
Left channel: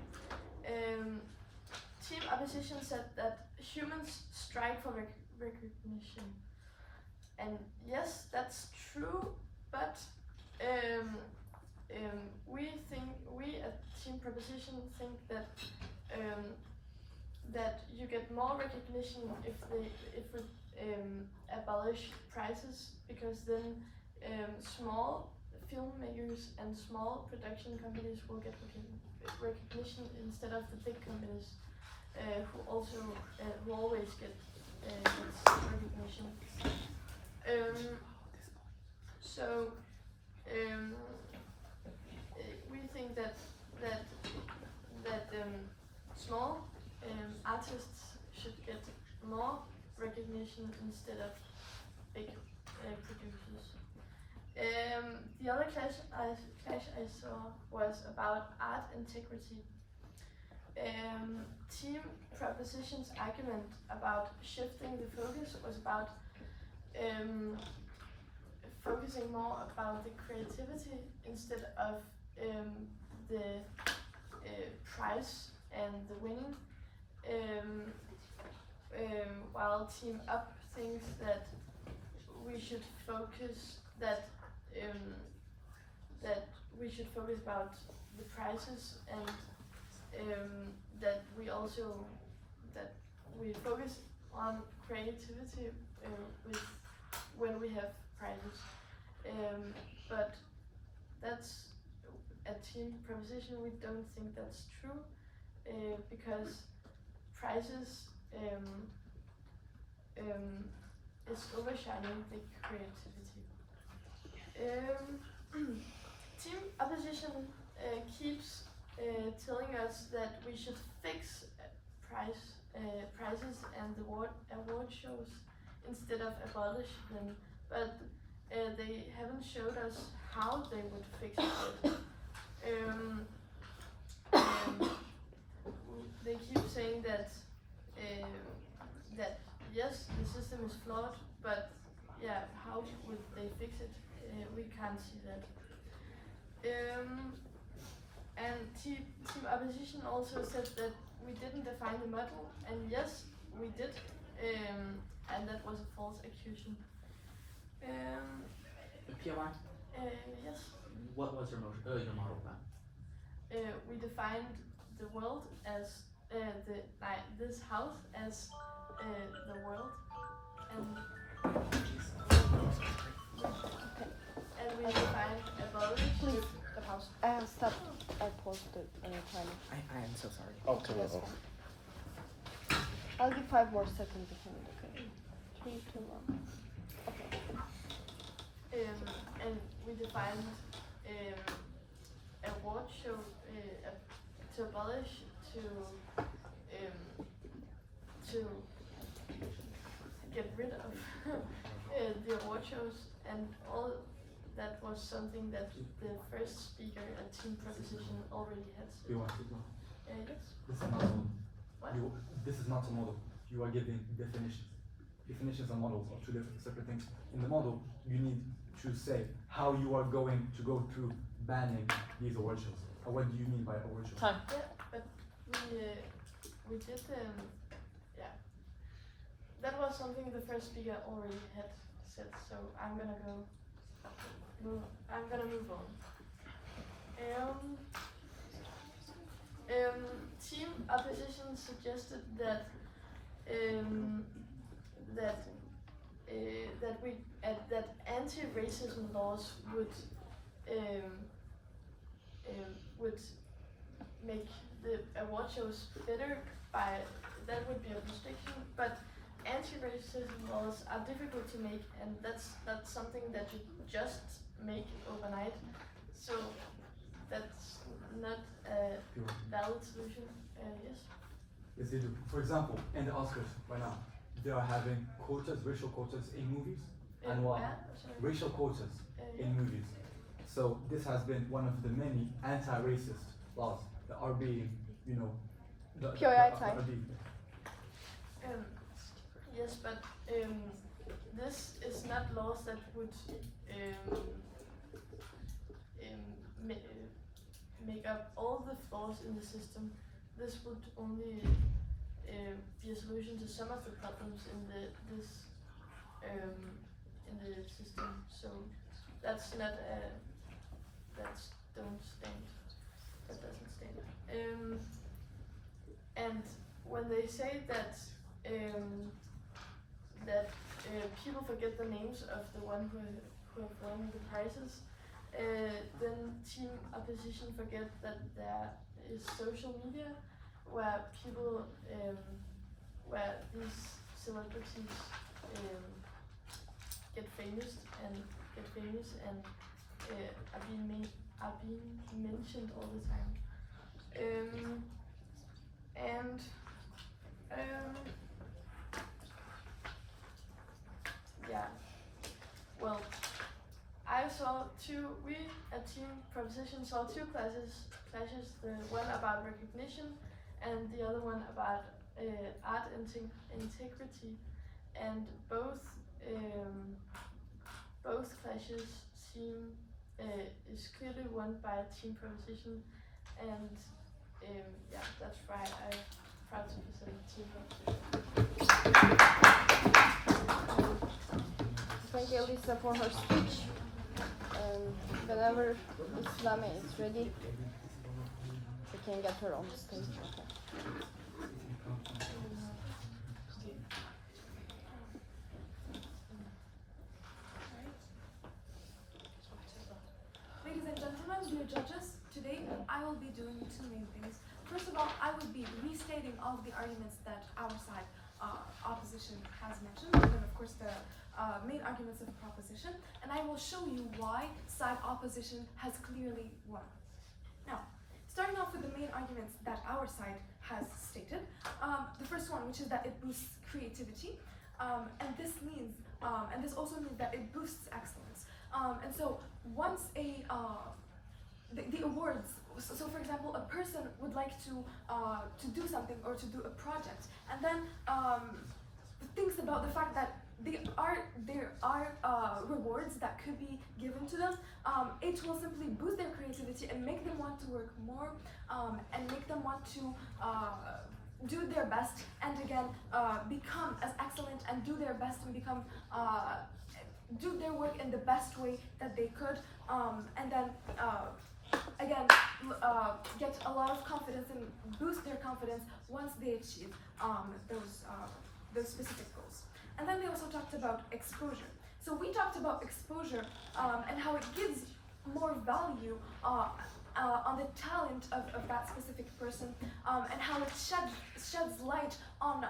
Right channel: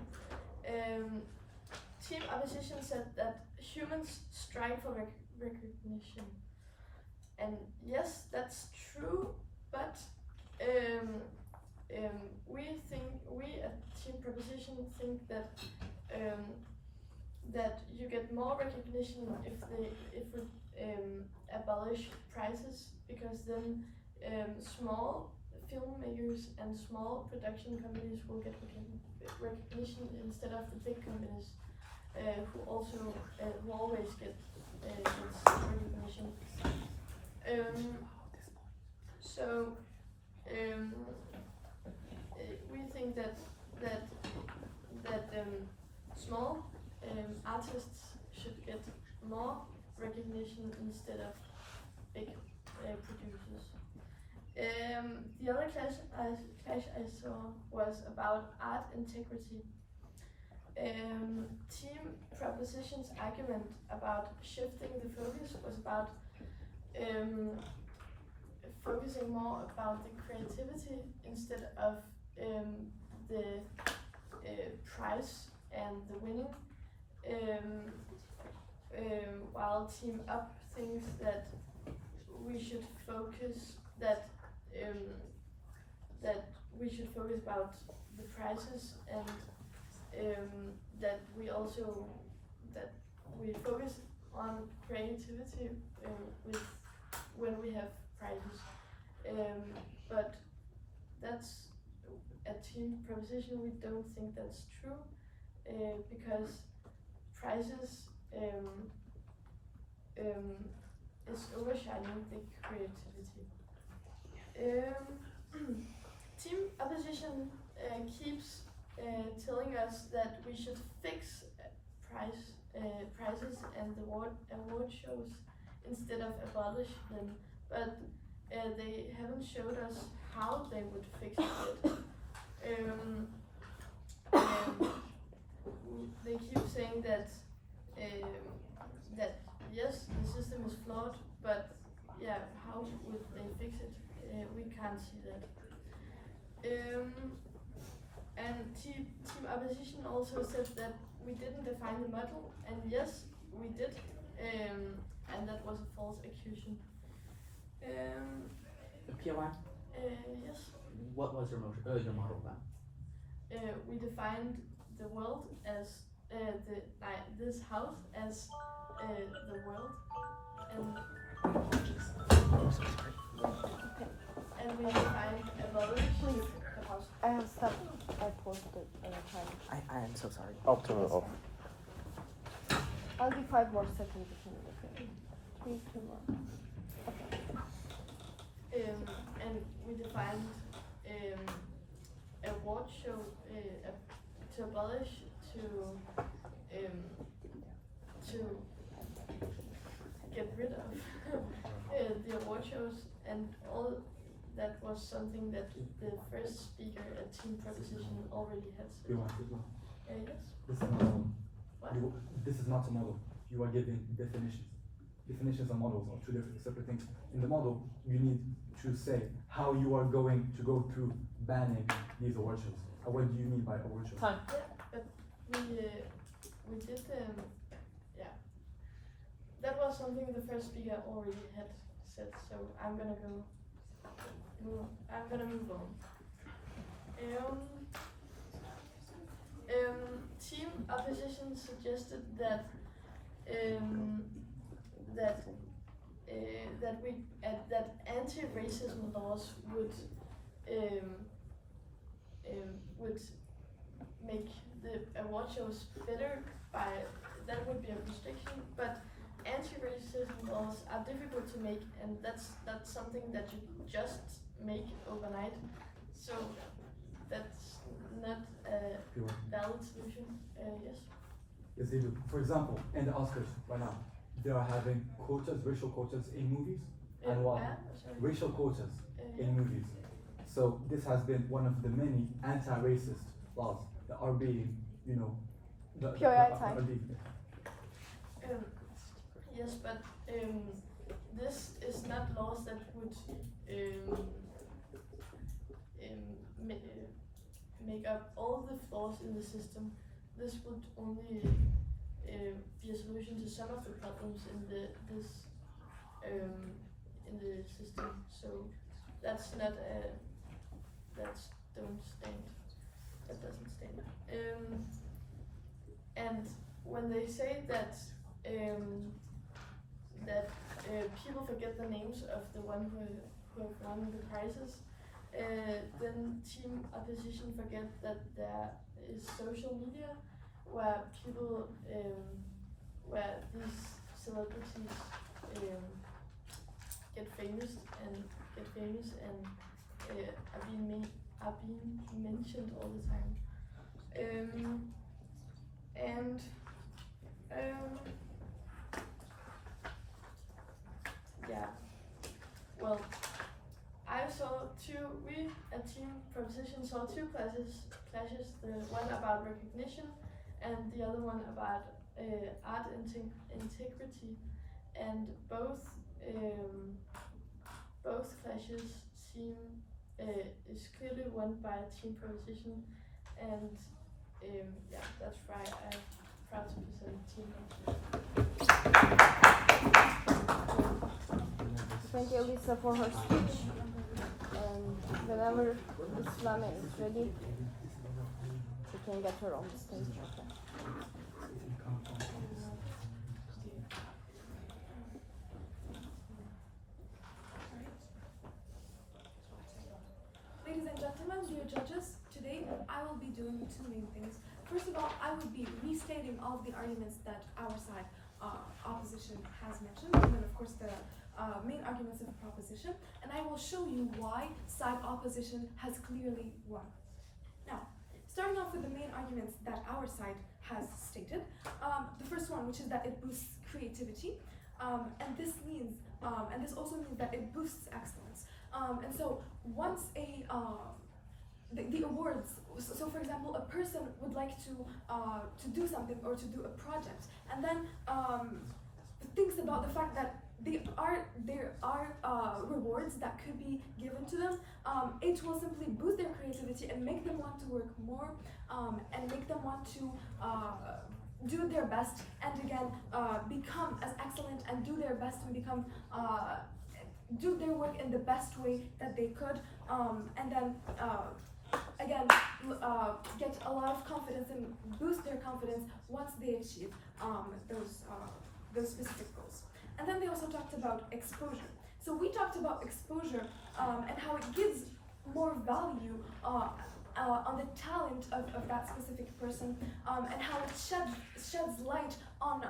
Team opposition said that humans strive for recognition, and yes, that's true. But we at Team Proposition think that that you get more recognition if we abolish prizes, because then small filmmakers and small production companies will get recognition instead of the big companies who always get recognition. So we think that small artists should get more recognition instead of big producers. The other clash I saw was about art integrity. Team Proposition's argument about shifting the focus was about focusing more about the creativity instead of the prize and the winning, while Team Up thinks that we should focus about the prizes and that we focus on creativity when we have prizes, but that's a Team Proposition. We don't think that's true because prizes is overshining the creativity. Team Opposition keeps telling us that we should fix prizes and the award shows instead of abolish them, but they haven't showed us how they would fix it yet. They keep saying that yes, the system is flawed, but yeah, how would they fix it? We can't see that. And Team Opposition also said that we didn't define the model, and yes, we did, and that was a false accusation. POI? Yes. What was your model then? We defined the world as this house as the world, and we defined abolish the house. I have stuff. I posted time. I am so sorry. I'll turn it off. I'll give 5 more seconds. 3, 2, 1. And we defined award show to abolish to get rid of the award shows, and all that was something that the first speaker at Team Proposition already had said. You want it now? Yes. This is not a model. What? This is not a model. You are giving definitions. Definitions and models are two different separate things. In the model, you need to say how you are going to go through banning these award shows. What do you mean by award shows? Time. Yeah, but we did that was something the first speaker already had said. So I'm gonna move on. Team Opposition suggested that that anti-racism laws would make the award shows better by that would be a restriction, but anti-racism laws are difficult to make, and that's something that you just make overnight. So that's not a valid solution. Yes. Yes, they do. For example, in the Oscars right now, they are having quotas, racial quotas in movies, and racial quotas in movies. So this has been one of the many anti-racist laws that are being, are being. Yes, but this is not laws that would make up all the flaws in the system. This would only be a solution to some of the problems in the system. So that's not that doesn't stand. And when they say that people forget the names of the one who have won the prizes, then Team Opposition forget that there is social media where people, where these celebrities get famous and are being mentioned all the time. Yeah, well, we, a team proposition, saw two clashes, the one about recognition and the other one about art integrity, and both clashes seem is clearly won by a team proposition, and yeah, that's why I'm proud to present team proposition. Thank you, Elisa, for her speech. Whenever Islami is ready, she can get her own stage. Ladies and gentlemen, dear judges, today I will be doing two main things. First of all, I would be restating all of the arguments that our side opposition has mentioned, and then of course the main arguments of the proposition, and I will show you why side opposition has clearly won. Now, starting off with the main arguments that our side has stated, the first one, which is that it boosts creativity, and this means, and this also means that it boosts excellence. And so once the awards, so for example, a person would like to do something or to do a project, and then thinks about the fact that there are rewards that could be given to them, it will simply boost their creativity and make them want to work more, and make them want to do their best, and again become as excellent and do their best and become do their work in the best way that they could, and then again get a lot of confidence and boost their confidence once they achieve those specific goals. And then they also talked about exposure. So we talked about exposure and how it gives more value on the talent of that specific person, and how it sheds light on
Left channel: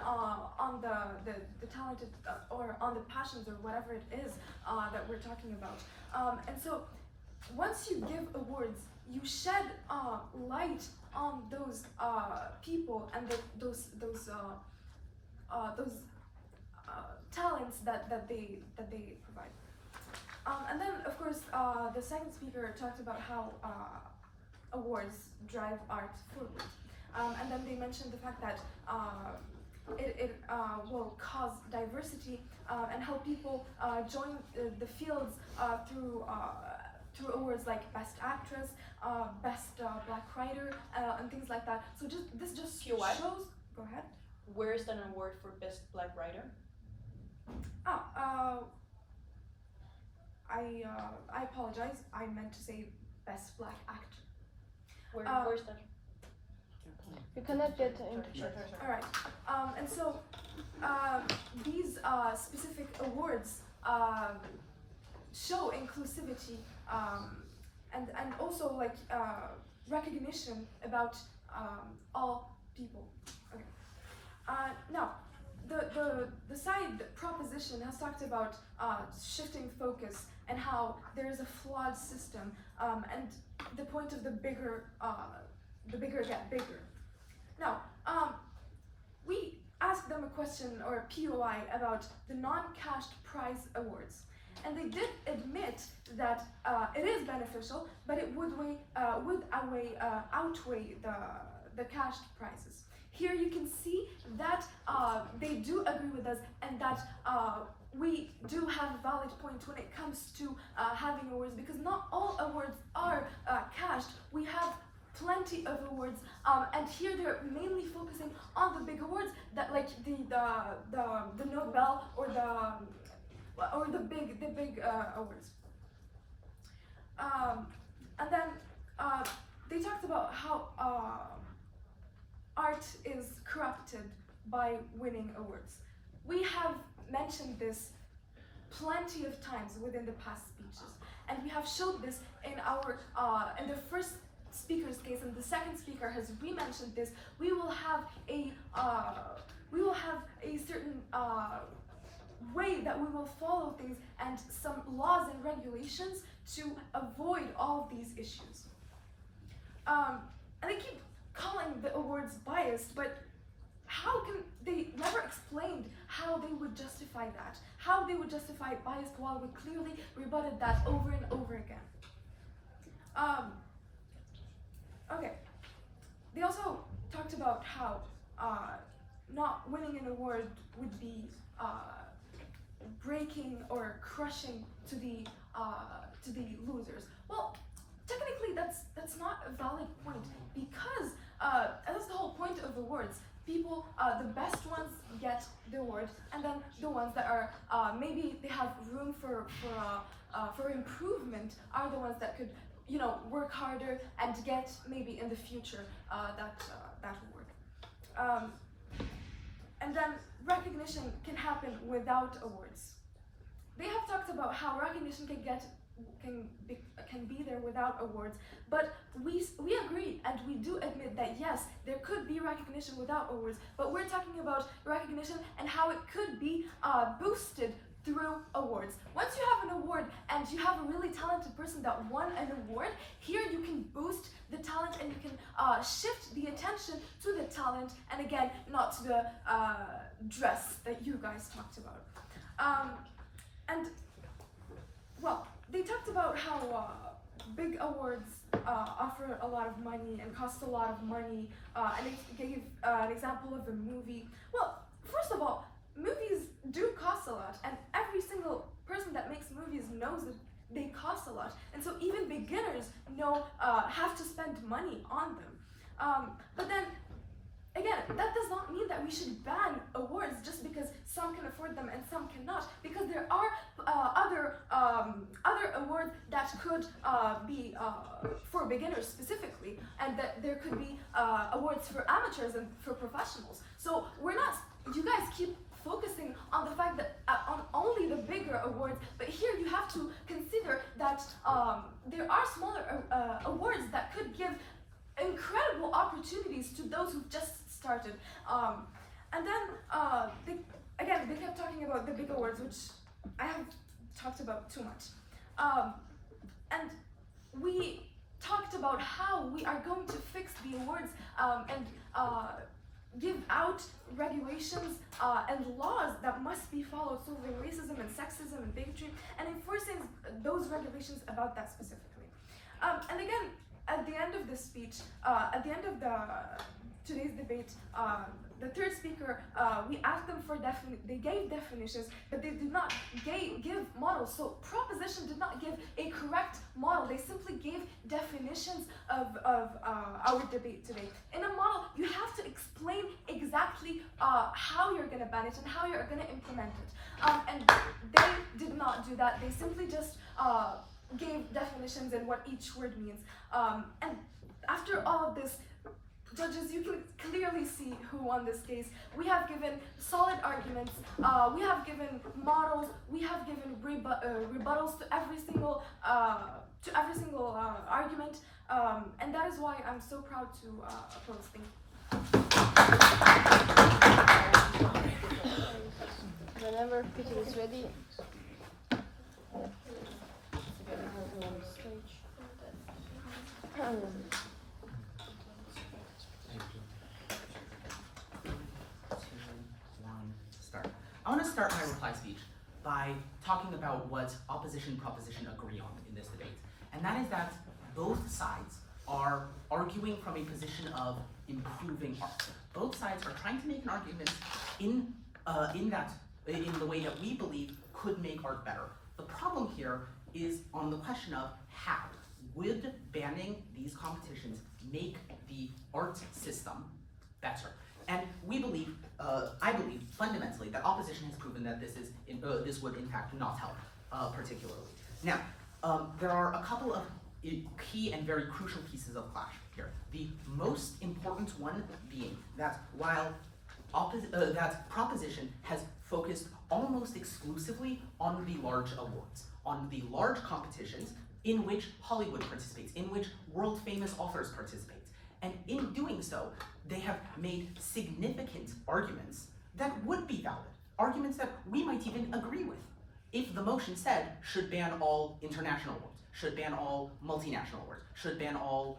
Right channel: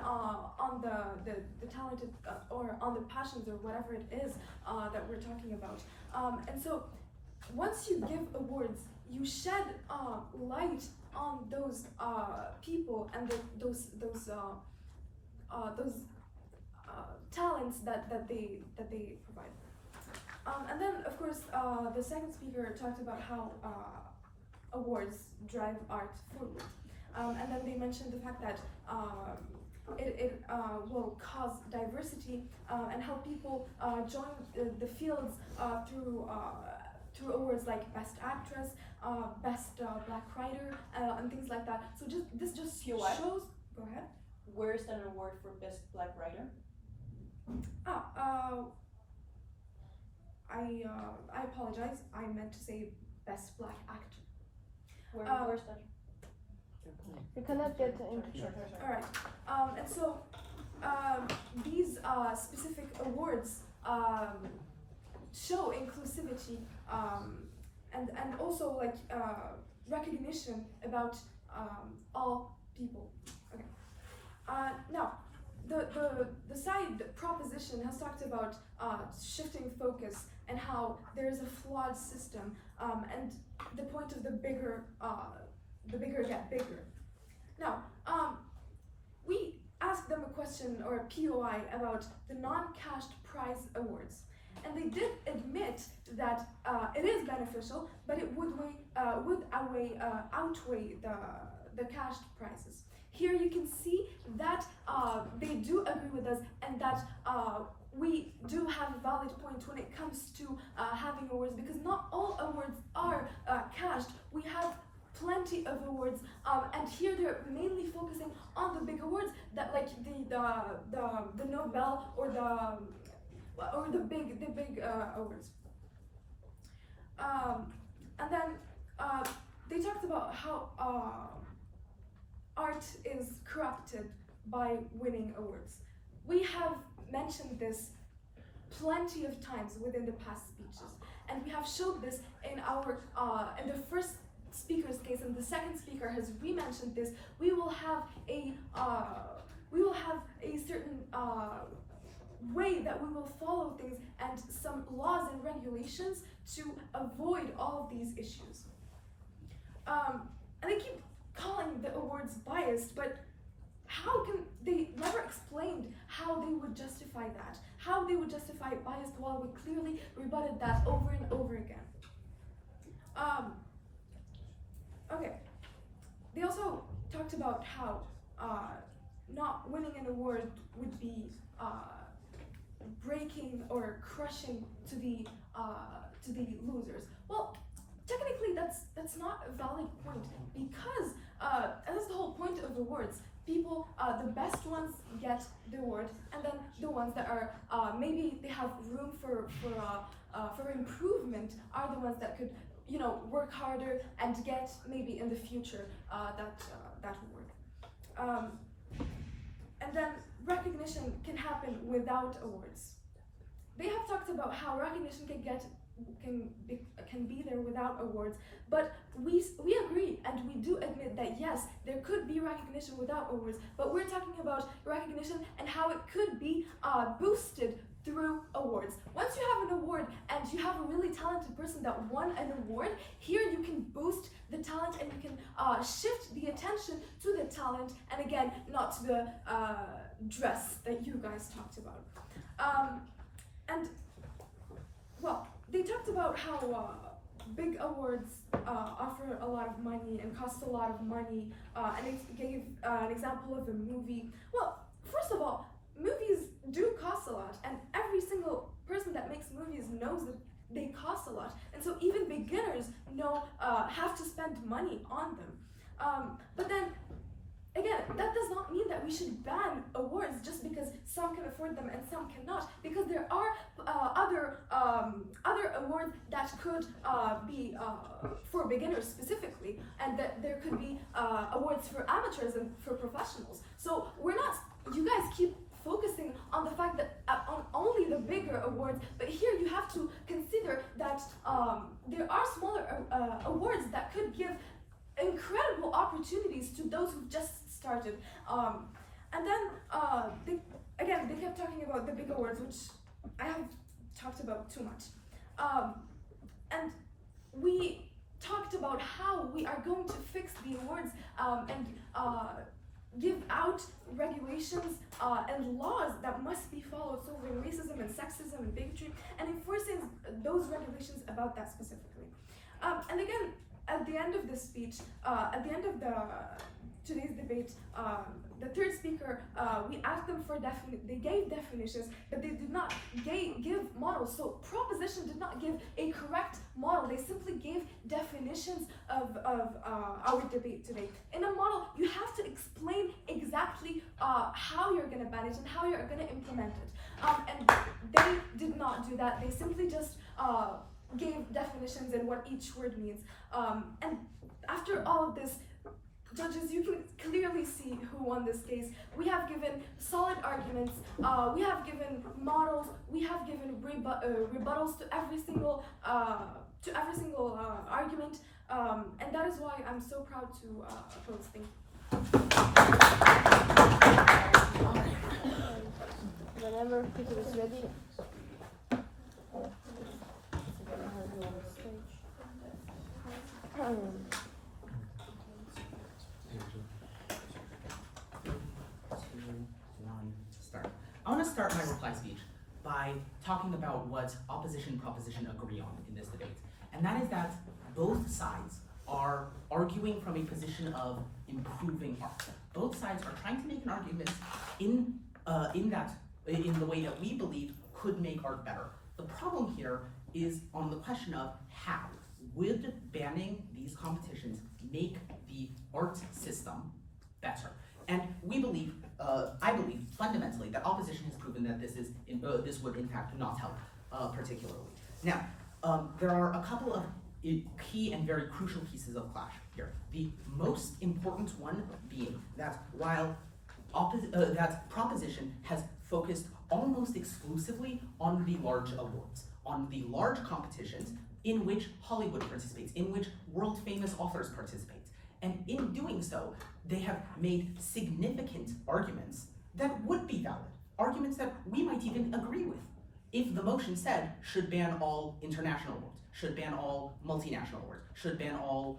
the talented or on the passions or whatever it is that we're talking about. And so once you give awards, you shed light on those people and those talents that they provide. And then of course the second speaker talked about how awards drive art forward, and then they mentioned the fact that it will cause diversity and help people join the fields through awards like Best Actress, Best Black Writer, and things like that. So this just shows. Go ahead. Where is an award for Best Black Writer? I apologize. I meant to say Best Black Actor. Where's that? You cannot get into Sure. All right. And so these specific awards show inclusivity, and also like recognition about all people. Okay. Now, the side proposition has talked about shifting focus and how there is a flawed system, and the point of the bigger get bigger. Now, we asked them a question or a POI about the non-cashed prize awards, and they did admit that it is beneficial, but it would outweigh the cashed prizes. Here you can see that they do agree with us, and that we do have a valid point when it comes to having awards, because not all awards are cashed. We have plenty of awards, and here they're mainly focusing on the big awards, that like the Nobel or the big awards. And then they talked about how art is corrupted by winning awards. We have mentioned this plenty of times within the past speeches, and we have showed this in our in the first speaker's case, and the second speaker has re-mentioned this. We will have a certain way that we will follow things and some laws and regulations to avoid all of these issues. And they keep calling the awards biased, but how can they never explained how they would justify that? How they would justify biased while we clearly rebutted that over and over again. Okay. They also talked about how not winning an award would be breaking or crushing to the losers. Well, technically that's not a valid point, because that's the whole point of awards. People, the best ones get the award, and then the ones that are maybe they have room for improvement are the ones that could, you know, work harder and get maybe in the future that award. And then recognition can happen without awards. They have talked about how recognition can be there without awards, but we agree and we do admit that yes, there could be recognition without awards, but we're talking about recognition and how it could be boosted through awards. Once you have an award and you have a really talented person that won an award, here you can boost the talent and you can shift the attention to the talent, and again, not to the dress that you guys talked about. And well, they talked about how big awards offer a lot of money and cost a lot of money, and they gave an example of a movie. Well, first of all, movies do cost a lot, and every single person that makes movies knows that they cost a lot, and so even beginners have to spend money on them. But then again, that does not mean that we should ban awards just because some can afford them and some cannot, because there are other awards that could be for beginners specifically, and that there could be awards for amateurs and for professionals. So you guys keep focusing on the fact that on only the bigger awards, but here you have to consider that there are smaller awards that could give incredible opportunities to those who've just started. And then they kept talking about the big awards, which I haven't talked about too much. And we talked about how we are going to fix the awards and give out regulations and laws that must be followed, so the racism and sexism and bigotry, and enforcing those regulations about that specifically. And again, at the end of the speech, at the end of today's debate, the third speaker, we asked them for they gave definitions, but they did not give models. So proposition did not give a correct model. They simply gave definitions of our debate today. In a model, you have to explain exactly how you're going to ban it and how you're going to implement it. And they did not do that. They simply just gave definitions and what each word means. And after all of this, judges, you can clearly see who won this case. We have given solid arguments, we have given models, we have given rebuttals to every single argument, and that is why I'm so proud to oppose. Thank you. Whenever people is ready. I want to start my reply speech by talking about what opposition proposition agree on in this debate. And that is that both sides are arguing from a position of improving art. Both sides are trying to make an argument in the way that we believe could make art better. The problem here is on the question of how would banning these competitions make the art system better? And we believe, I believe fundamentally that opposition has proven that this would in fact not help particularly. Now, there are a couple of key and very crucial pieces of clash here. The most important one being that while that proposition has focused almost exclusively on the large awards, on the large competitions in which Hollywood participates, in which world famous authors participate. And in doing so, they have made significant arguments that would be valid, arguments that we might even agree with. If the motion said, should ban all international awards, should ban all multinational awards, should ban all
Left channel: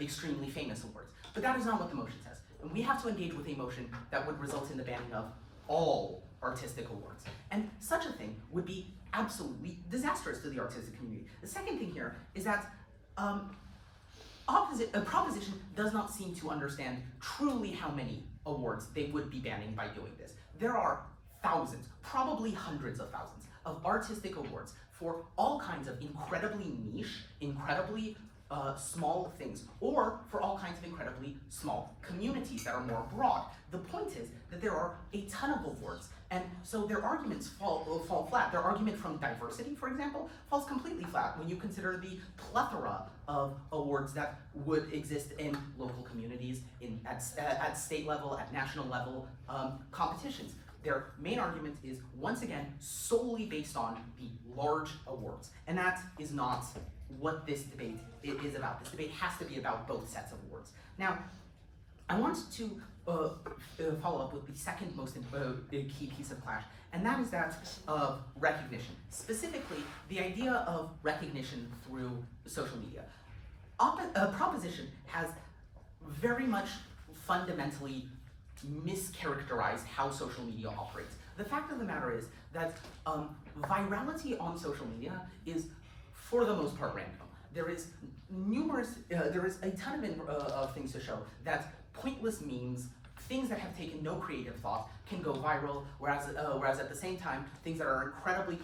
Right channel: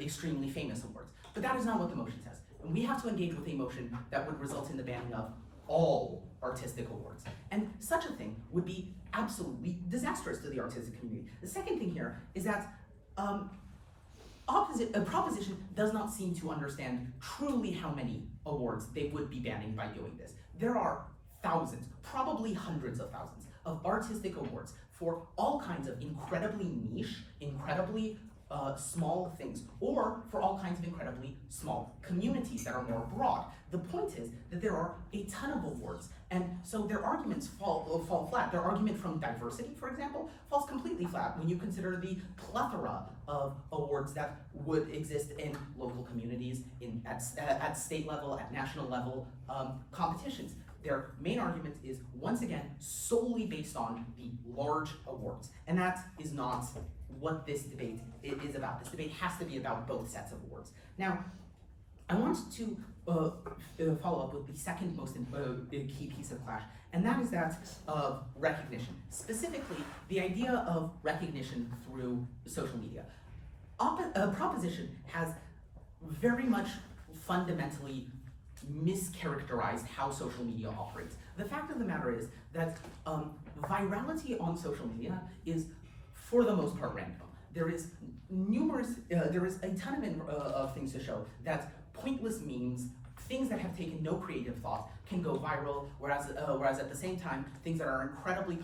extremely famous awards. But that is not what the motion says. And we have to engage with a motion that would result in the banning of all artistic awards. And such a thing would be absolutely disastrous to the artistic community. The second thing here is that proposition does not seem to understand truly how many awards they would be banning by doing this. There are thousands, probably hundreds of thousands, of artistic awards for all kinds of incredibly niche, incredibly small things, or for all kinds of incredibly small communities that are more broad. The point is that there are a ton of awards, and so their arguments fall flat. Their argument from diversity, for example, falls completely flat when you consider the plethora of awards that would exist in local communities, at state level, at national level competitions. Their main argument is, once again, solely based on the large awards. And that is not what this debate is about. This debate has to be about both sets of awards. Now, I want to follow up with the second most key piece of clash, and that is that of recognition. Specifically, the idea of recognition through social media. Proposition has very much fundamentally mischaracterized how social media operates. The fact of the matter is that virality on social media is, for the most part, random. There is a ton of things to show that pointless memes, things that have taken no creative thought, can go viral, whereas at the same time, things that are incredibly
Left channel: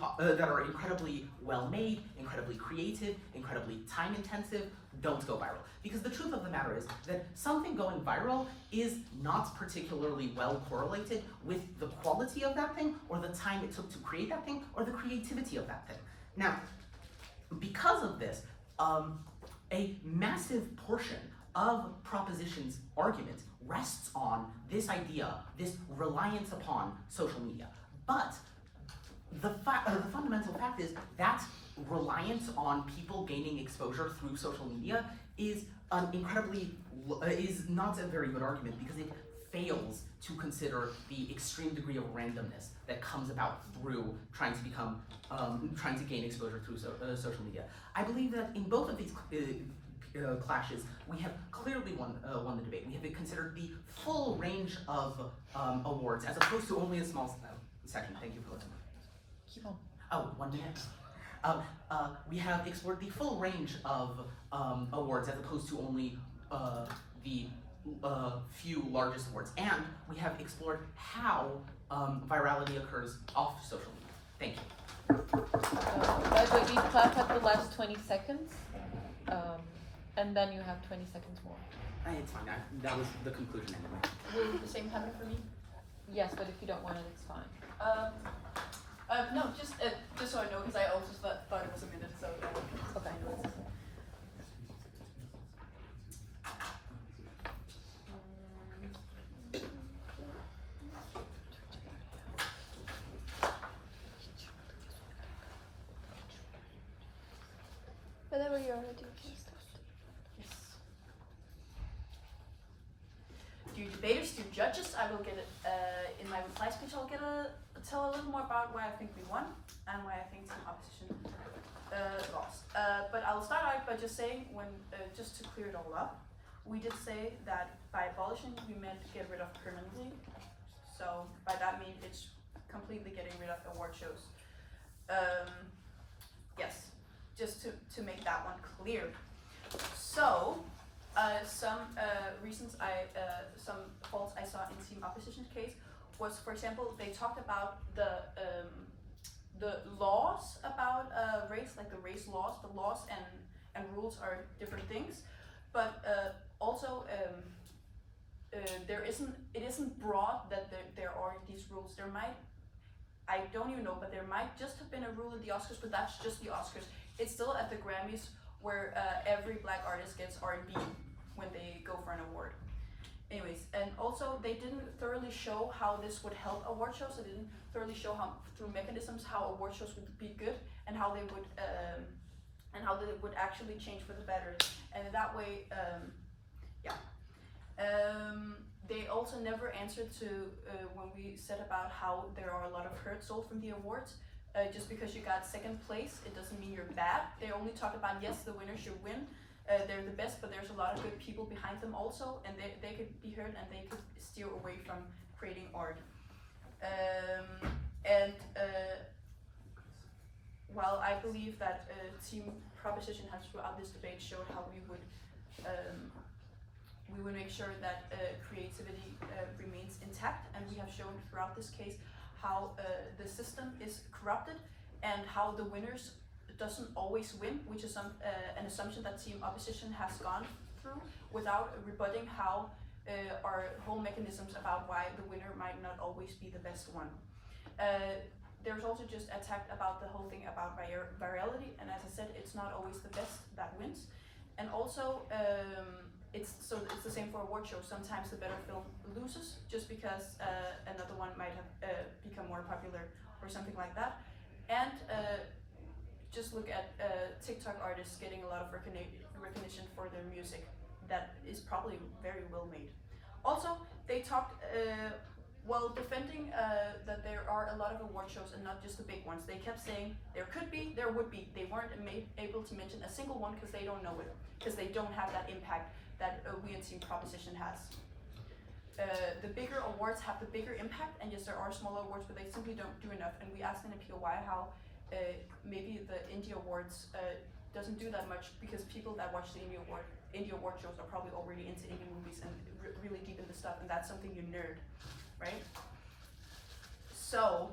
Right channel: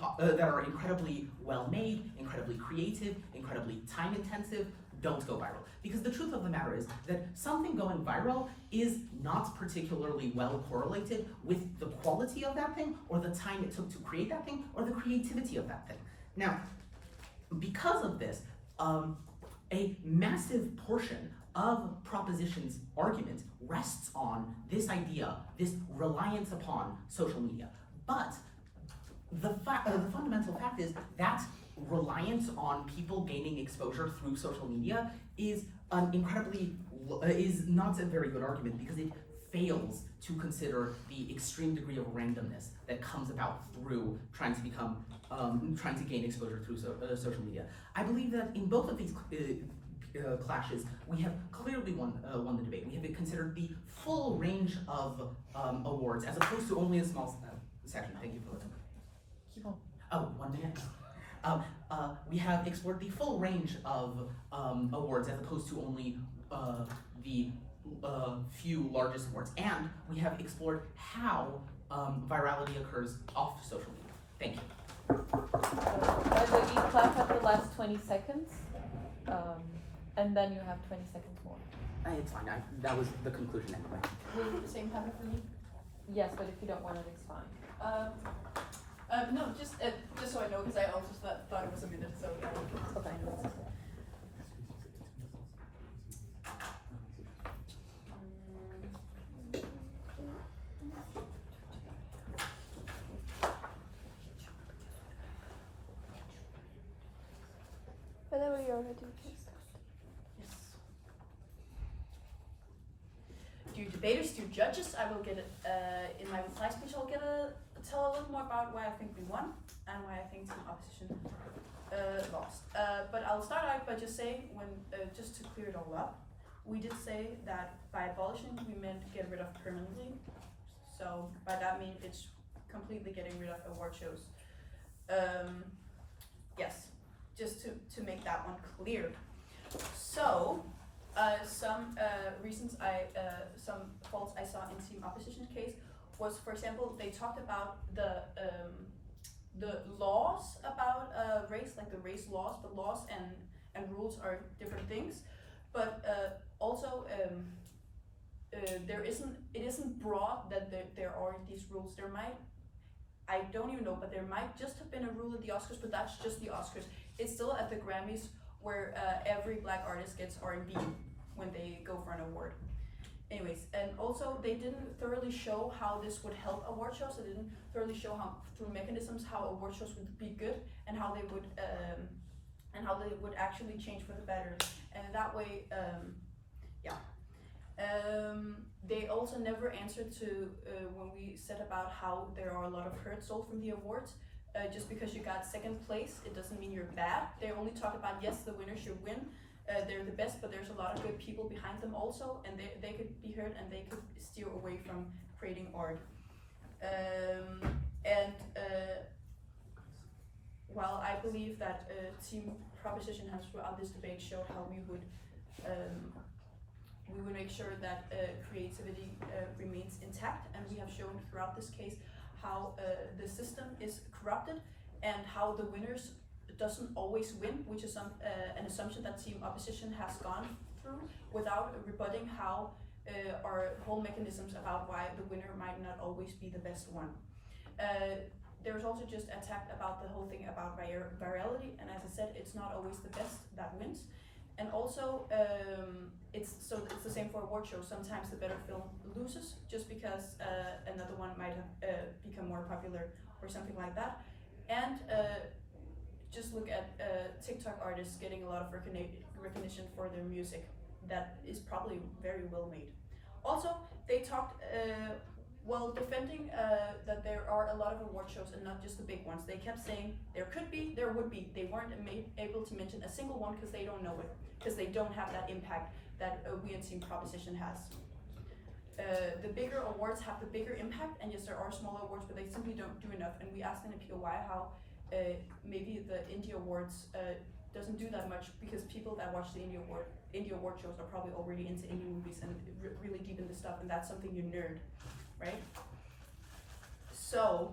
well made, incredibly creative, incredibly time intensive, don't go viral. Because the truth of the matter is that something going viral is not particularly well correlated with the quality of that thing, or the time it took to create that thing, or the creativity of that thing. Now, because of this, a massive portion of Proposition's argument rests on this idea, this reliance upon social media. But the fundamental fact is that reliance on people gaining exposure through social media is not a very good argument, because it fails to consider the extreme degree of randomness that comes about through trying to gain exposure through social media. I believe that in both of these clashes, we have clearly won the debate. We have considered the full range of awards, as opposed to only a small section. Thank you for listening. Keep on. Oh, 1 minute. We have explored the full range of awards, as opposed to only the few largest awards, and we have explored how virality occurs off social media. Thank you. By the way, we clap at the last 20 seconds, and then you have 20 seconds more. It's fine. That was the conclusion anyway. Will the same happen for me? Yes, but if you don't want it, it's fine. No, just so I know, because I also thought it was a minute, so I know it's. Whenever you're ready, please. Yes. Dear debaters, dear judges, I will get in my reply speech. I'll tell a little more about why I think we won and why I think Team Opposition lost. But I'll start out by just saying, just to clear it all up, we did say that by abolishing we meant get rid of permanently. So by that mean it's completely getting rid of award shows. Yes. Just to make that one clear. So, some reasons some faults I saw in Team Opposition's case was, for example, they talked about the laws about race, like the race laws, but laws and rules are different things. But also, it isn't broad that there are these rules. There might, I don't even know, but there might just have been a rule at the Oscars, but that's just the Oscars. It's still at the Grammys, where every black artist gets R&B when they go for an award. Anyways, and also they didn't thoroughly show how this would help award shows. They didn't thoroughly show how, through mechanisms, how award shows would be good and how they would actually change for the better. And in that way, yeah. They also never answered to when we said about how there are a lot of hurt sold from the awards. Just because you got second place, it doesn't mean you're bad. They only talk about, yes, the winner should win. They're the best, but there's a lot of good people behind them also, and they could be heard and they could steer away from creating art. While I believe that Team Proposition has throughout this debate showed how we would make sure that creativity remains intact, and we have shown throughout this case how the system is corrupted and how the winners doesn't always win, which is an assumption that Team Opposition has gone through without rebutting how our whole mechanisms about why the winner might not always be the best one. There's also just attack about the whole thing about virality, and as I said, it's not always the best that wins. And also, it's the same for award shows. Sometimes the better film loses just because another one might have become more popular or something like that. And just look at TikTok artists getting a lot of recognition for their music that is probably very well made. Also, they talked while defending that there are a lot of award shows and not just the big ones. They kept saying there could be, there would be. They weren't able to mention a single one because they don't know it, because they don't have that impact that we in Team Proposition has. The bigger awards have the bigger impact, and yes, there are smaller awards, but they simply don't do enough. And we asked in a POI how maybe the Indie Awards doesn't do that much because people that watch the Indie Award shows are probably already into indie movies and really deep into stuff, and that's something you nerd, right? So,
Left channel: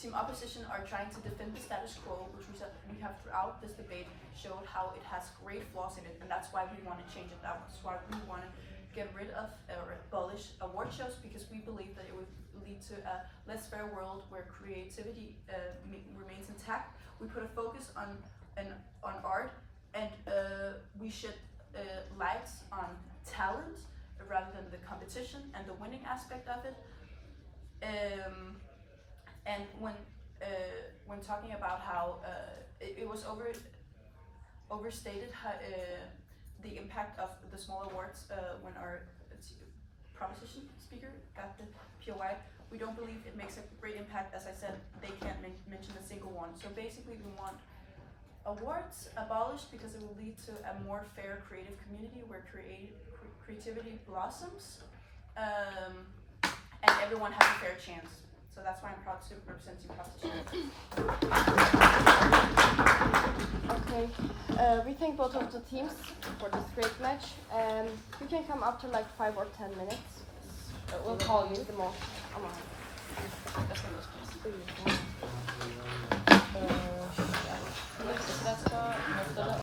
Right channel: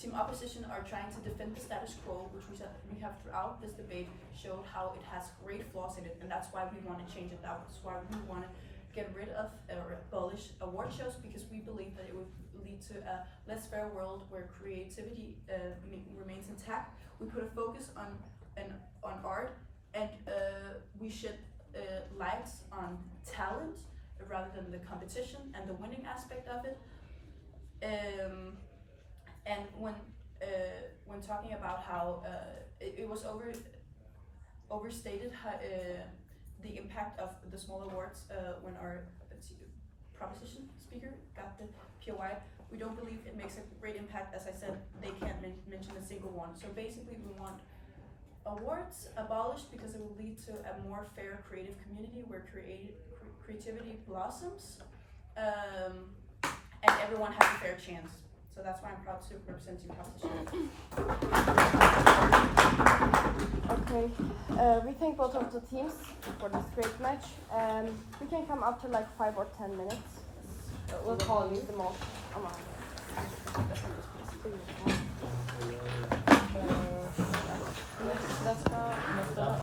Team Opposition are trying to defend the status quo, which we said we have throughout this debate showed how it has great flaws in it, and that's why we want to change it. That's why we want to get rid of or abolish award shows, because we believe that it would lead to a less fair world where creativity remains intact. We put a focus on art, and we shed lights on talent rather than the competition and the winning aspect of it. And when talking about how it was overstated how, the impact of the small awards when our proposition speaker got the POI, we don't believe it makes a great impact. As I said, they can't mention a single one. So basically, we want awards abolished because it will lead to a more fair creative community where creativity blossoms, and everyone has a fair chance. So that's why I'm proud to represent Team Proposition. Okay, we thank both of the teams for this great match. You can come after like 5 or 10 minutes. We'll call you the most.